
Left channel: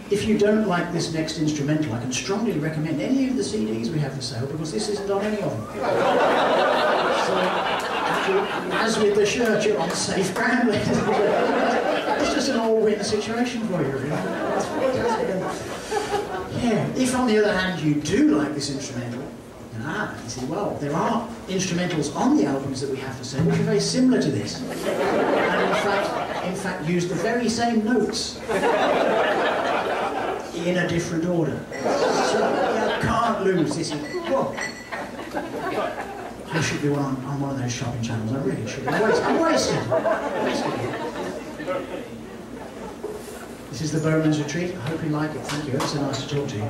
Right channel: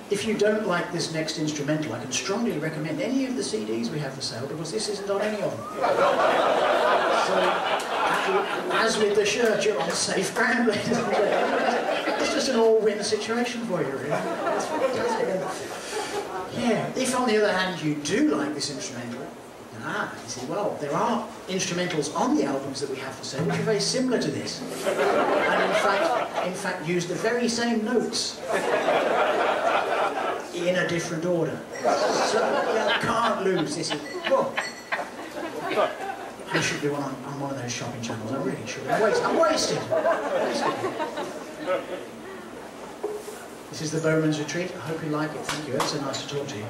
if you don't like this next instrumental, I can strongly recommend any of the CDs we have for sale, because this isn't on any of them. So, as with the shirt, you're on safe ground, ladies and gentlemen. It's just an all-win situation for you, really. It's fantastic. Yeah, if on the other hand you do like this instrumental, you see, well, there are instrumentals on the albums that we have for sale which are very similar to this, and in fact use the very same notes in a different order. So you can't lose this. Well, I should be on one of those shopping channels. I really should. I'm wasted. This is the Bowman's Retreat. I hope you like it. Thank you. It's so nice to talk to you.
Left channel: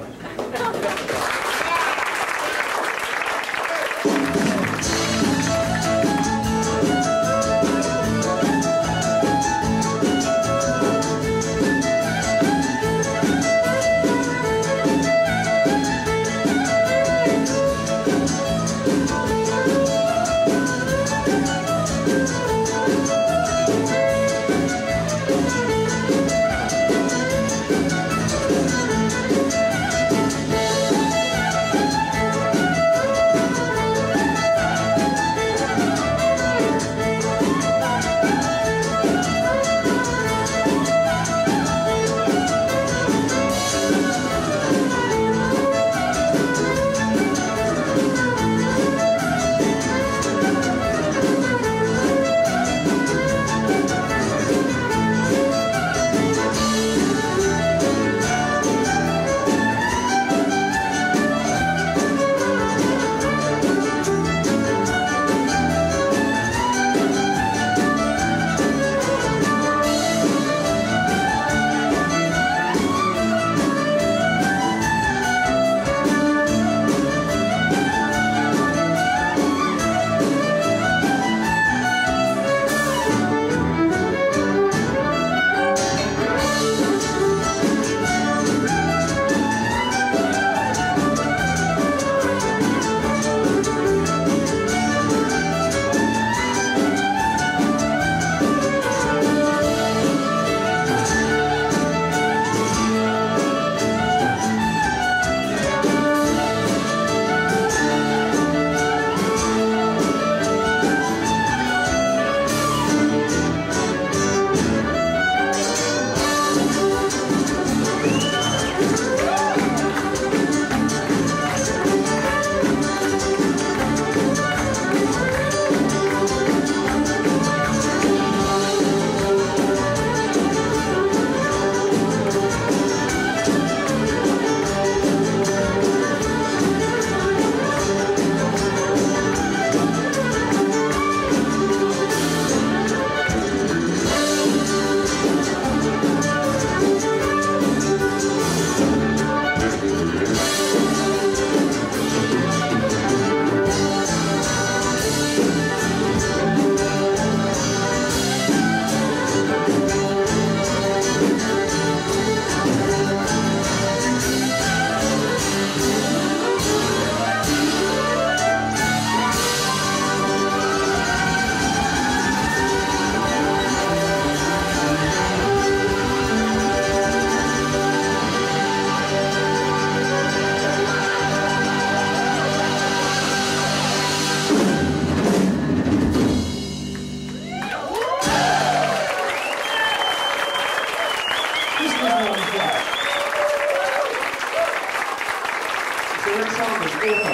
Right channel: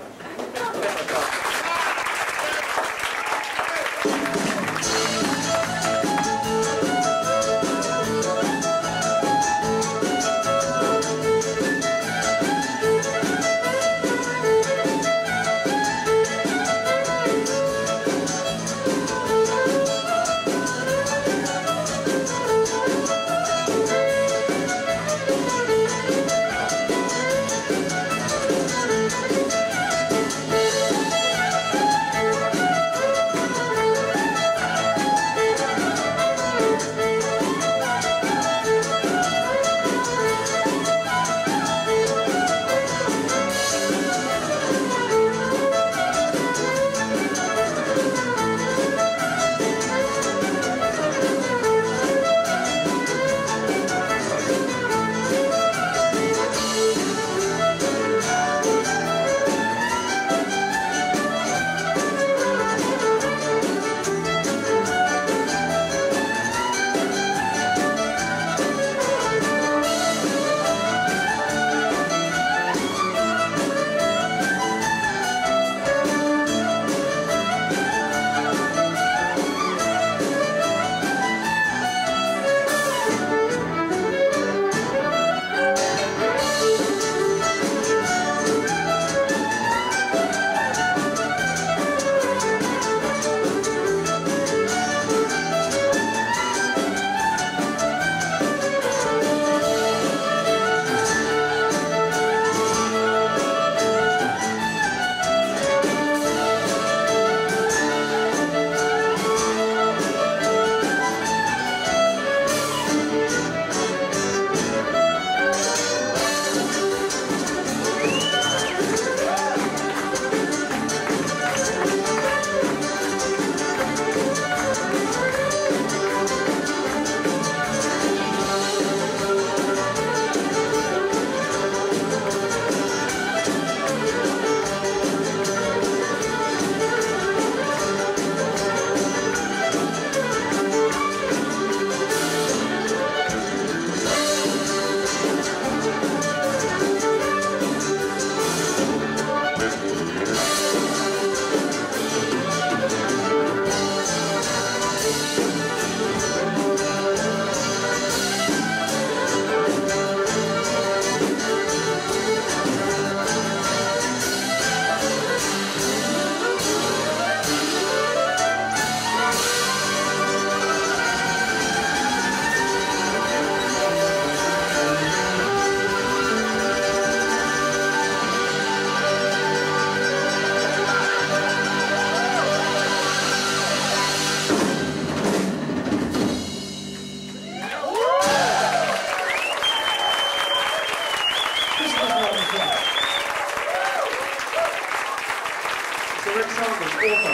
Saunders, author.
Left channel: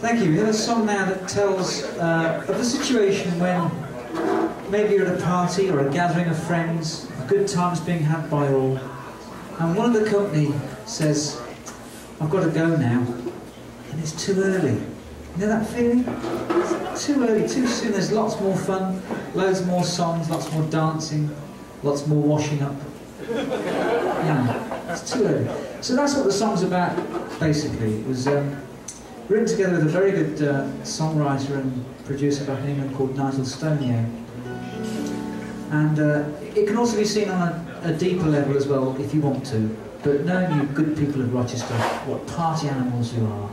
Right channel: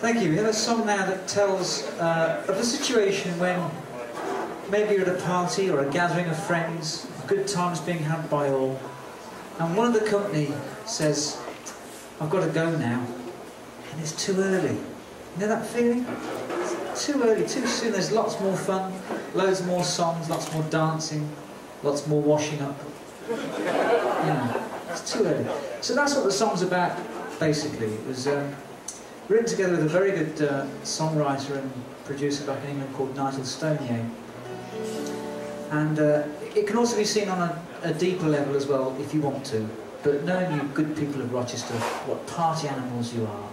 Thank you. We have a song now that tells of the situation when maybe you're at a party or a gathering of friends, a good time's being had by all, and one of the company says, "I've got to go now," and it's too early. You know that feeling? It's too early, too soon. There's lots more fun, loads more songs, lots more dancing, lots more washing up. It's too early. So that's what the song's about, basically. It was written together with a very good songwriter and producer back in England called Nigel Stoney. And it can also be seen on a deeper level as well, if you want to. But knowing you good people of Rochester, what party animals you are,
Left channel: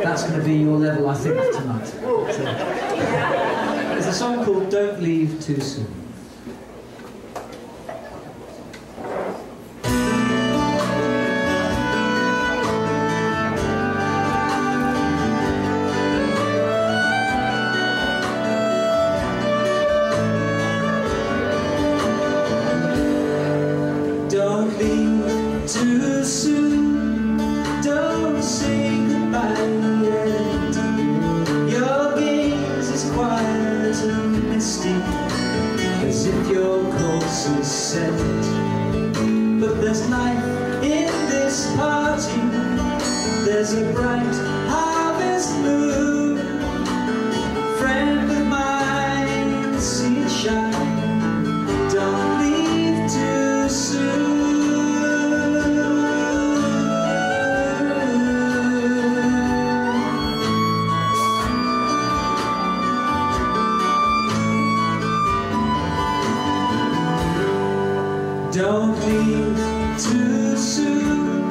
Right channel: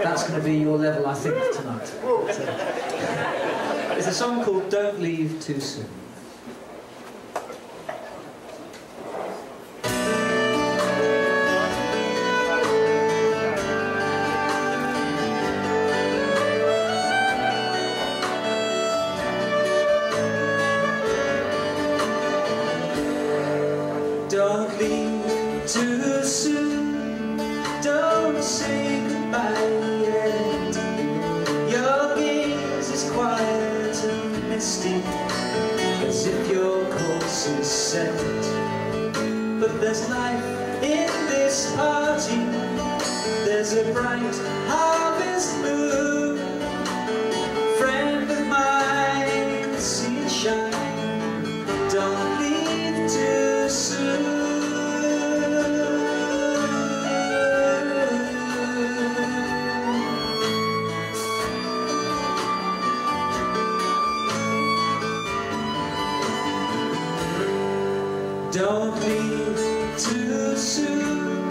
that's going to be your level, I think, tonight. So, it's a song called Don't Leave Too Soon. Don't leave too soon, don't say goodbye yet. Your gaze is quiet and misty, as if your course is set. But there's life in this party, there's a bright harvest moon. Friend of mine, see it shine, don't leave too soon. Don't leave too soon.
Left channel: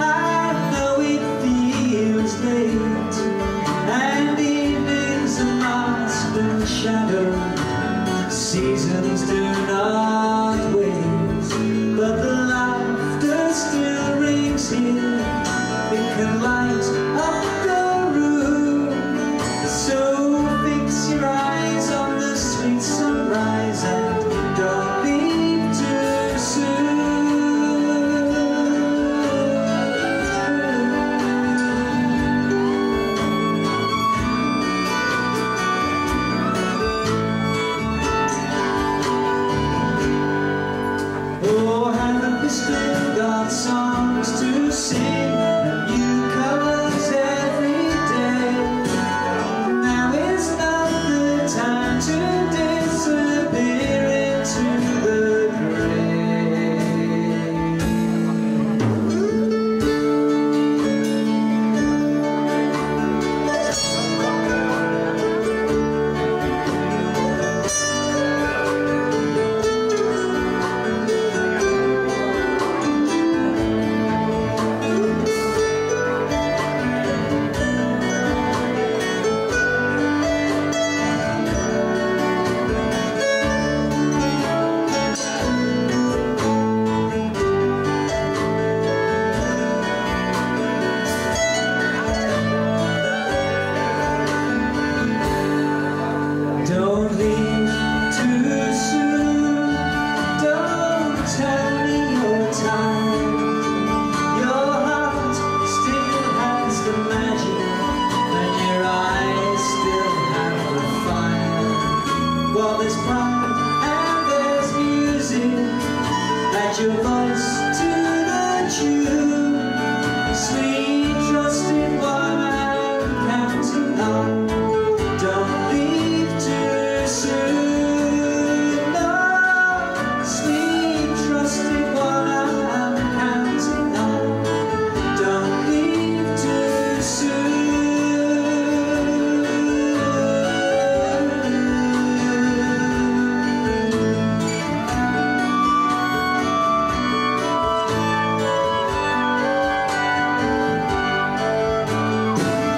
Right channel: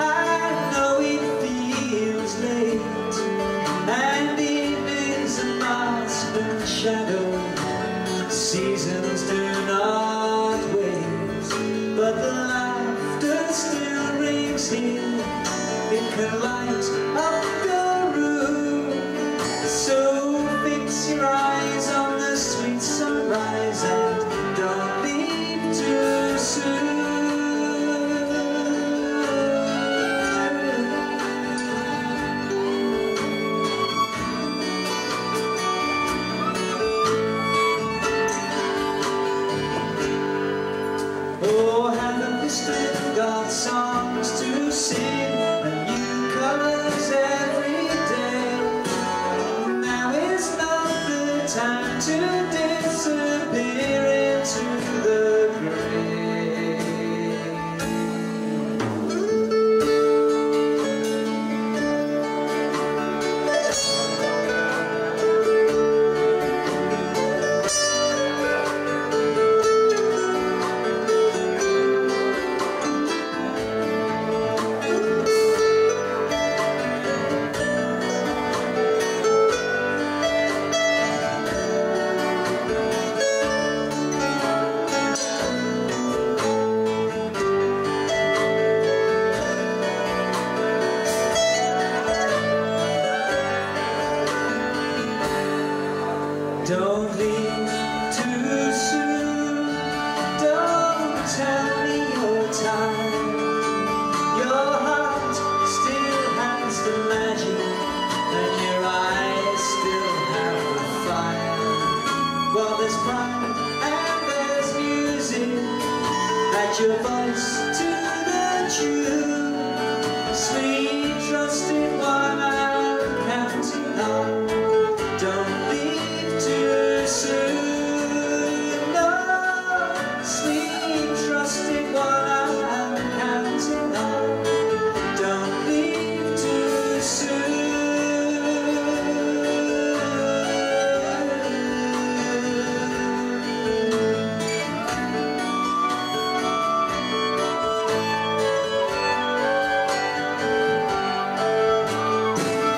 I know it feels late, and evenings are masked in shadow. Seasons do not wait, but the laughter still rings here. It can light up the room. So fix your eyes on the sweet sunrise and don't leave too soon. Oh, haven't we still got songs to sing and new colors every day? Now is not the time to disappear into the grave. Don't leave too soon. Don't tell me you're tired. Your heart still has the magic, and your eyes still have the fire. Well, there's pride and there's music. Add your voice to the tune. Sweet, trusting one I'm counting on. Don't leave too soon. No, sweet, trusting one I'm counting on. Don't leave too soon.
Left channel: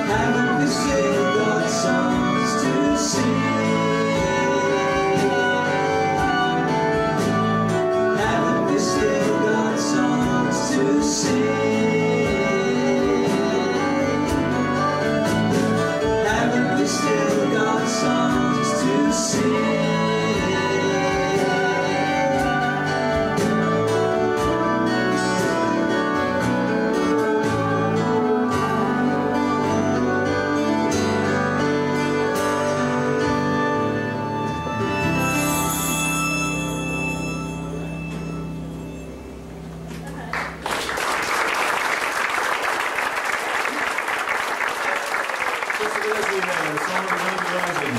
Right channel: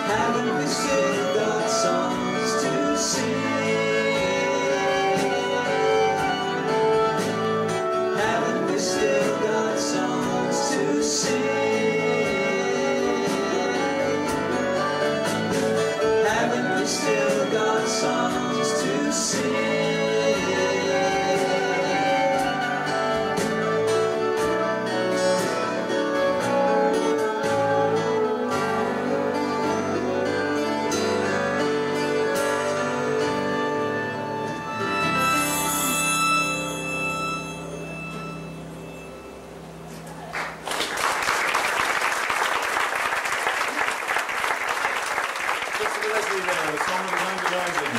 Haven't we still got you there, the song of the mobilizing.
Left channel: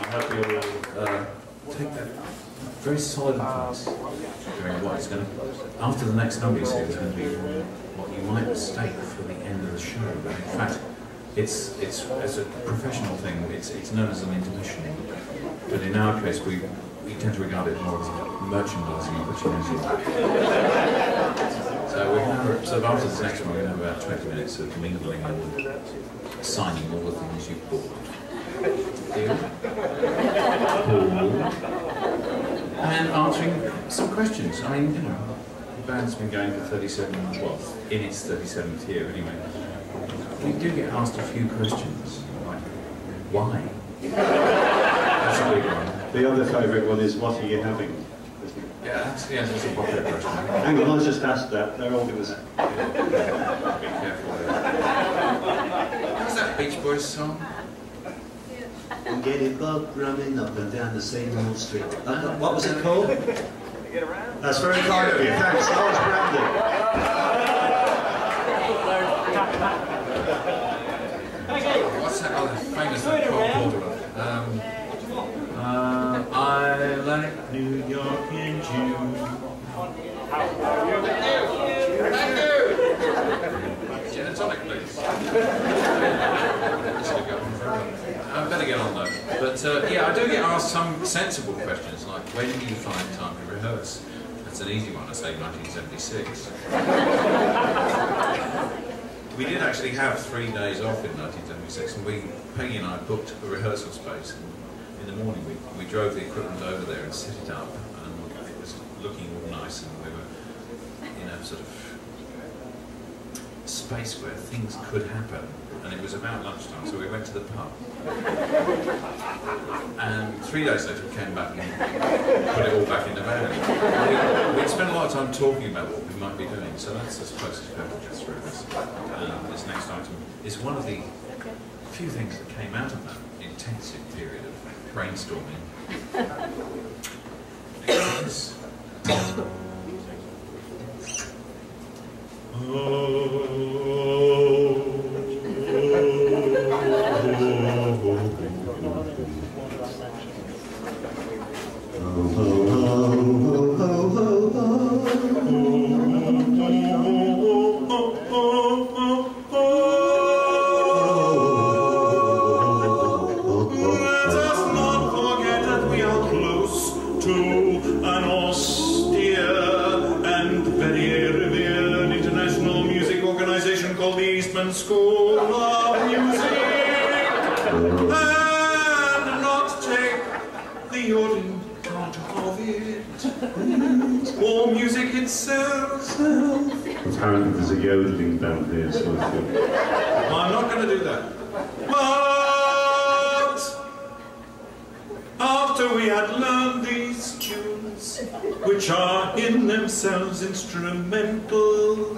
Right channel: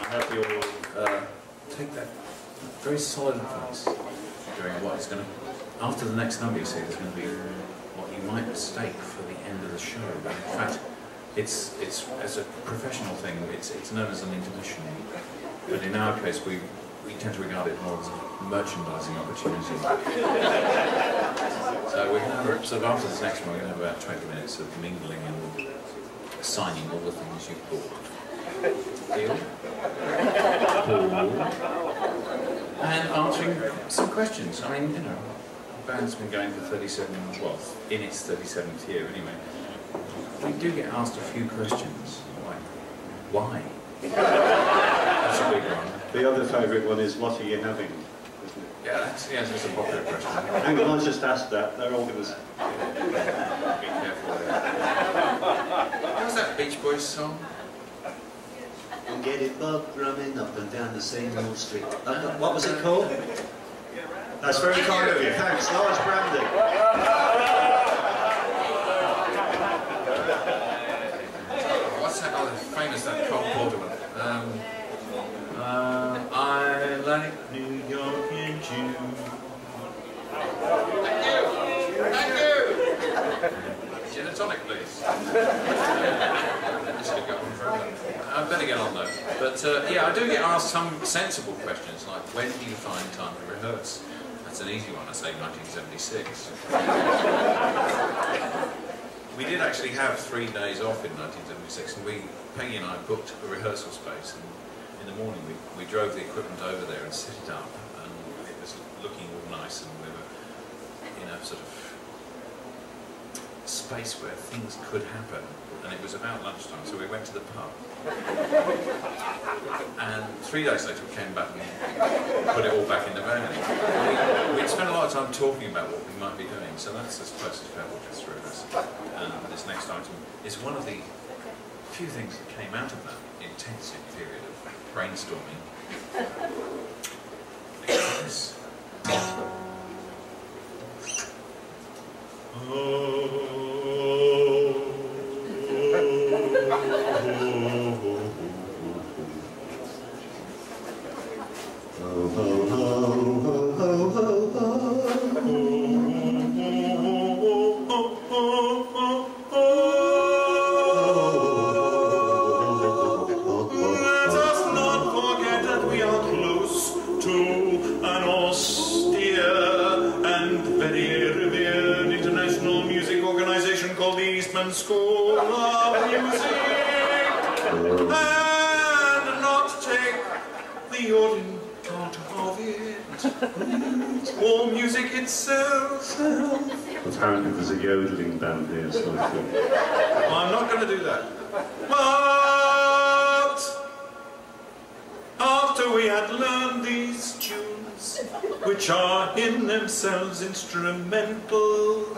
I hope you will take that very solid advice during what is going to, after the next number you see, it's going to be what you might mistake for the end of the show. But in fact, it's as a professional thing, it's known as an intermission. But in our case, we tend to regard it more as a merchandising opportunity. So we're going to have, sort of after this next one, we're going to have about 20 minutes of mingling and signing all the things you've bought. Deal? Cool. And answering some questions. I mean, you know, the band's been going for 37, well, in its 37th year anyway. We do get asked a few questions, like, why? That's a big one. The other favourite one is, what are you having? Yeah, that's a popular question. Hang on, I just asked that. They're all going to... Be careful there. How's that Beach Boys song? I'm getting bugged running up and down the same old street. What was it called? That's very kind of you. Thanks, Lars Brandon. What's that other famous Cole Porter one? I like New York in June. Thank you! Gin and tonic, please. This could go on forever. I better get on though. But yeah, I do get asked some sensible questions like, when do you find time to rehearse? That's an easy one, I say 1976. We did actually have 3 days off in 1976, and Peggy and I booked a rehearsal space. And in the morning, we drove the equipment over there and set it up, and it was looking all nice, and we were in a sort of space where things could happen. And it was about lunchtime, so we went to the pub. And 3 days later, we came back and put it all back in the van. We'd spent a lot of time talking about what we might be doing, so that's as close as Fairport gets through this. This next item is one of the few things that came out of that intensive period of brainstorming. Because School of Music, and not take the ordinary part of it, or music itself. Apparently there's a yodeling band here, so I think. I'm not going to do that. But after we had learned these tunes, which are in themselves instrumental,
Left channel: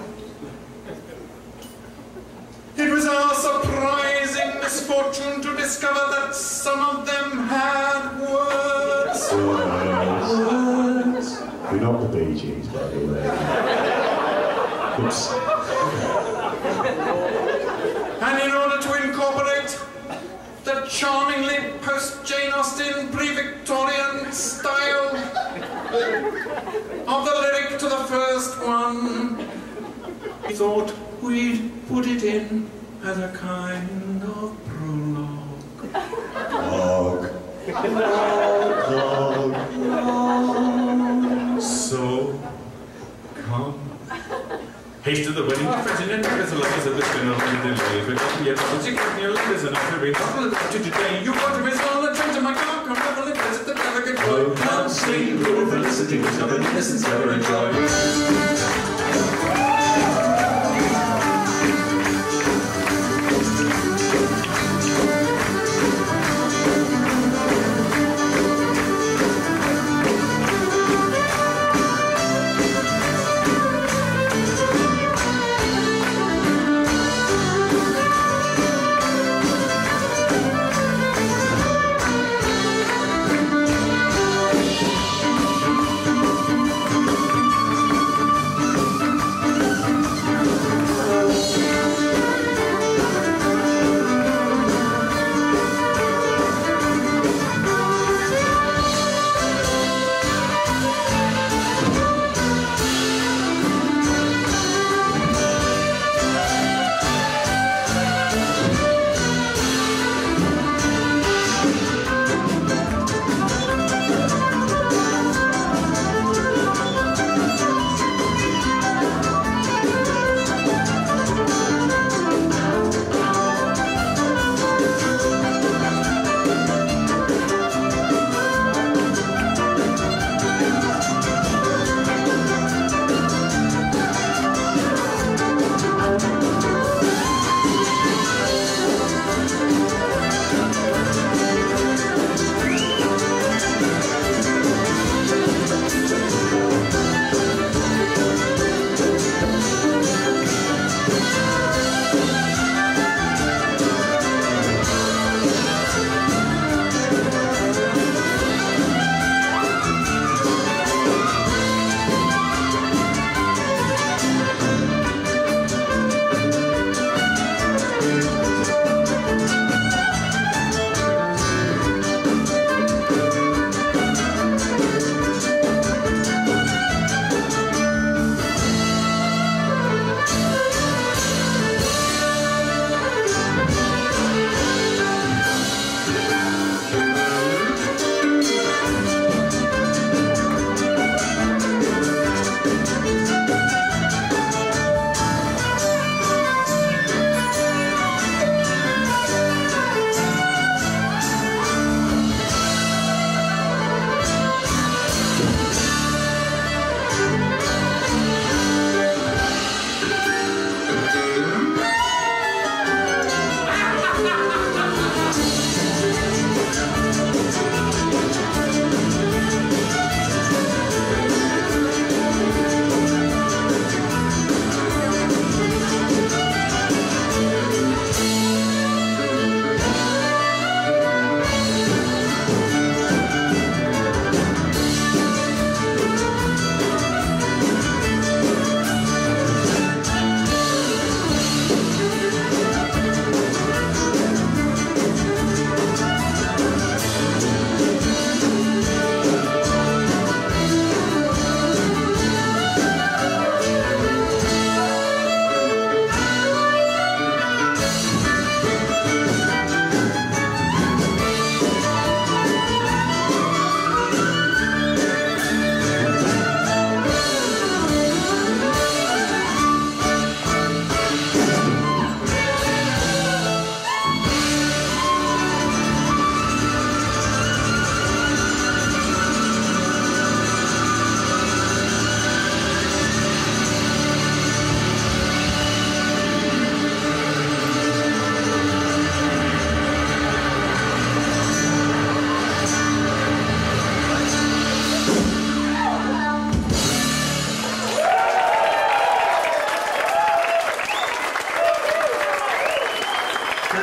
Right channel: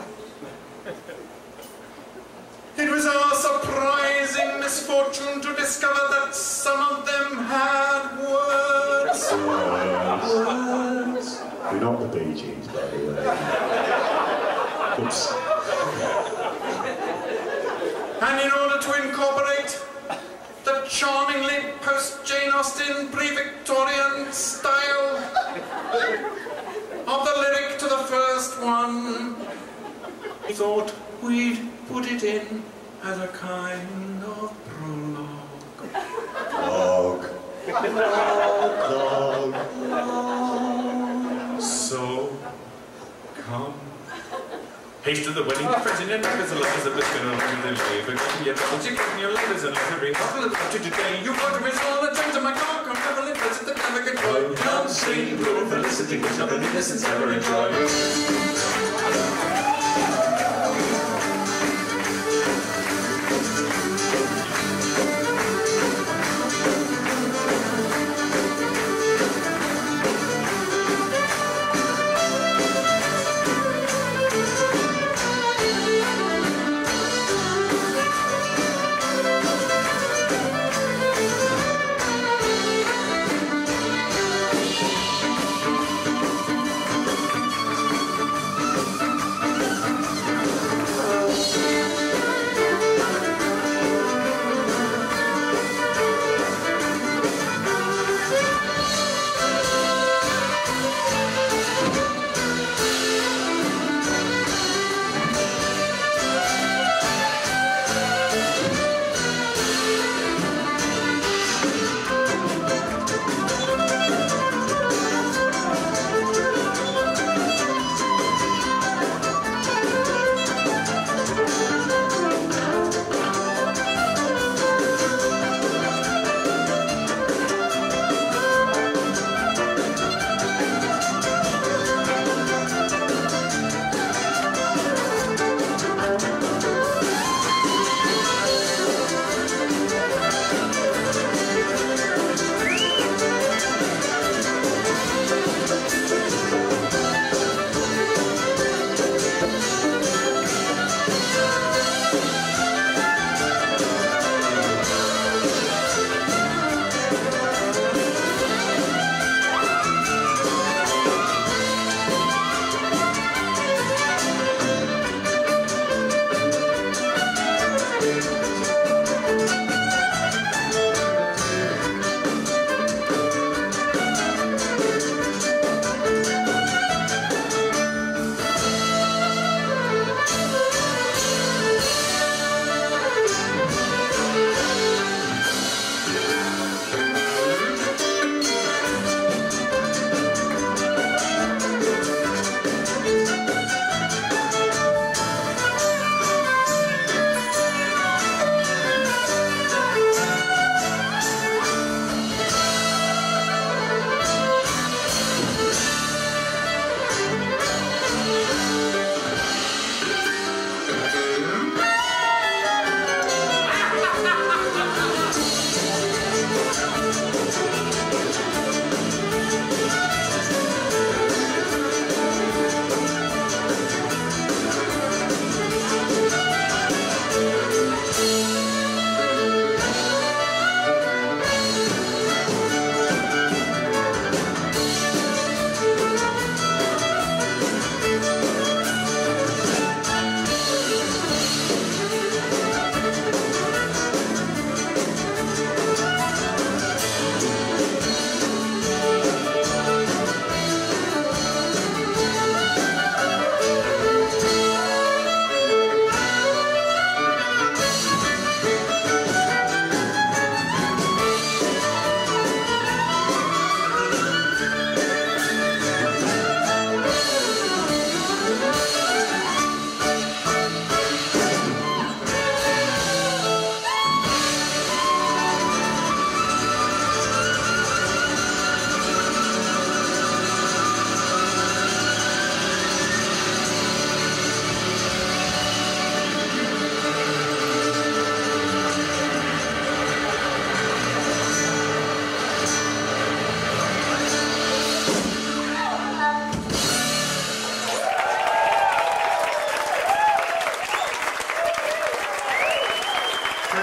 it was our surprising misfortune to discover that some of them had words. Words. We're not the Bee Gees, by the way. Oops. And in order to incorporate the charmingly post-Jane Austen pre-Victorian style of the lyric to the first one, we thought we'd put it in as a kind of prologue. So, come. Haste to the wedding, president, because the lovers of the spinner and the delay. But yet, once you give me your letters and a very couple of to today, you got to miss all the trains of my car, come traveling, visit the navigate. Oh, come sing, blue felicity, which other innocents ever enjoy.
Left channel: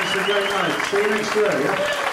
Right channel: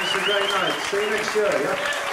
Thanks for a great night. See you next year, yeah?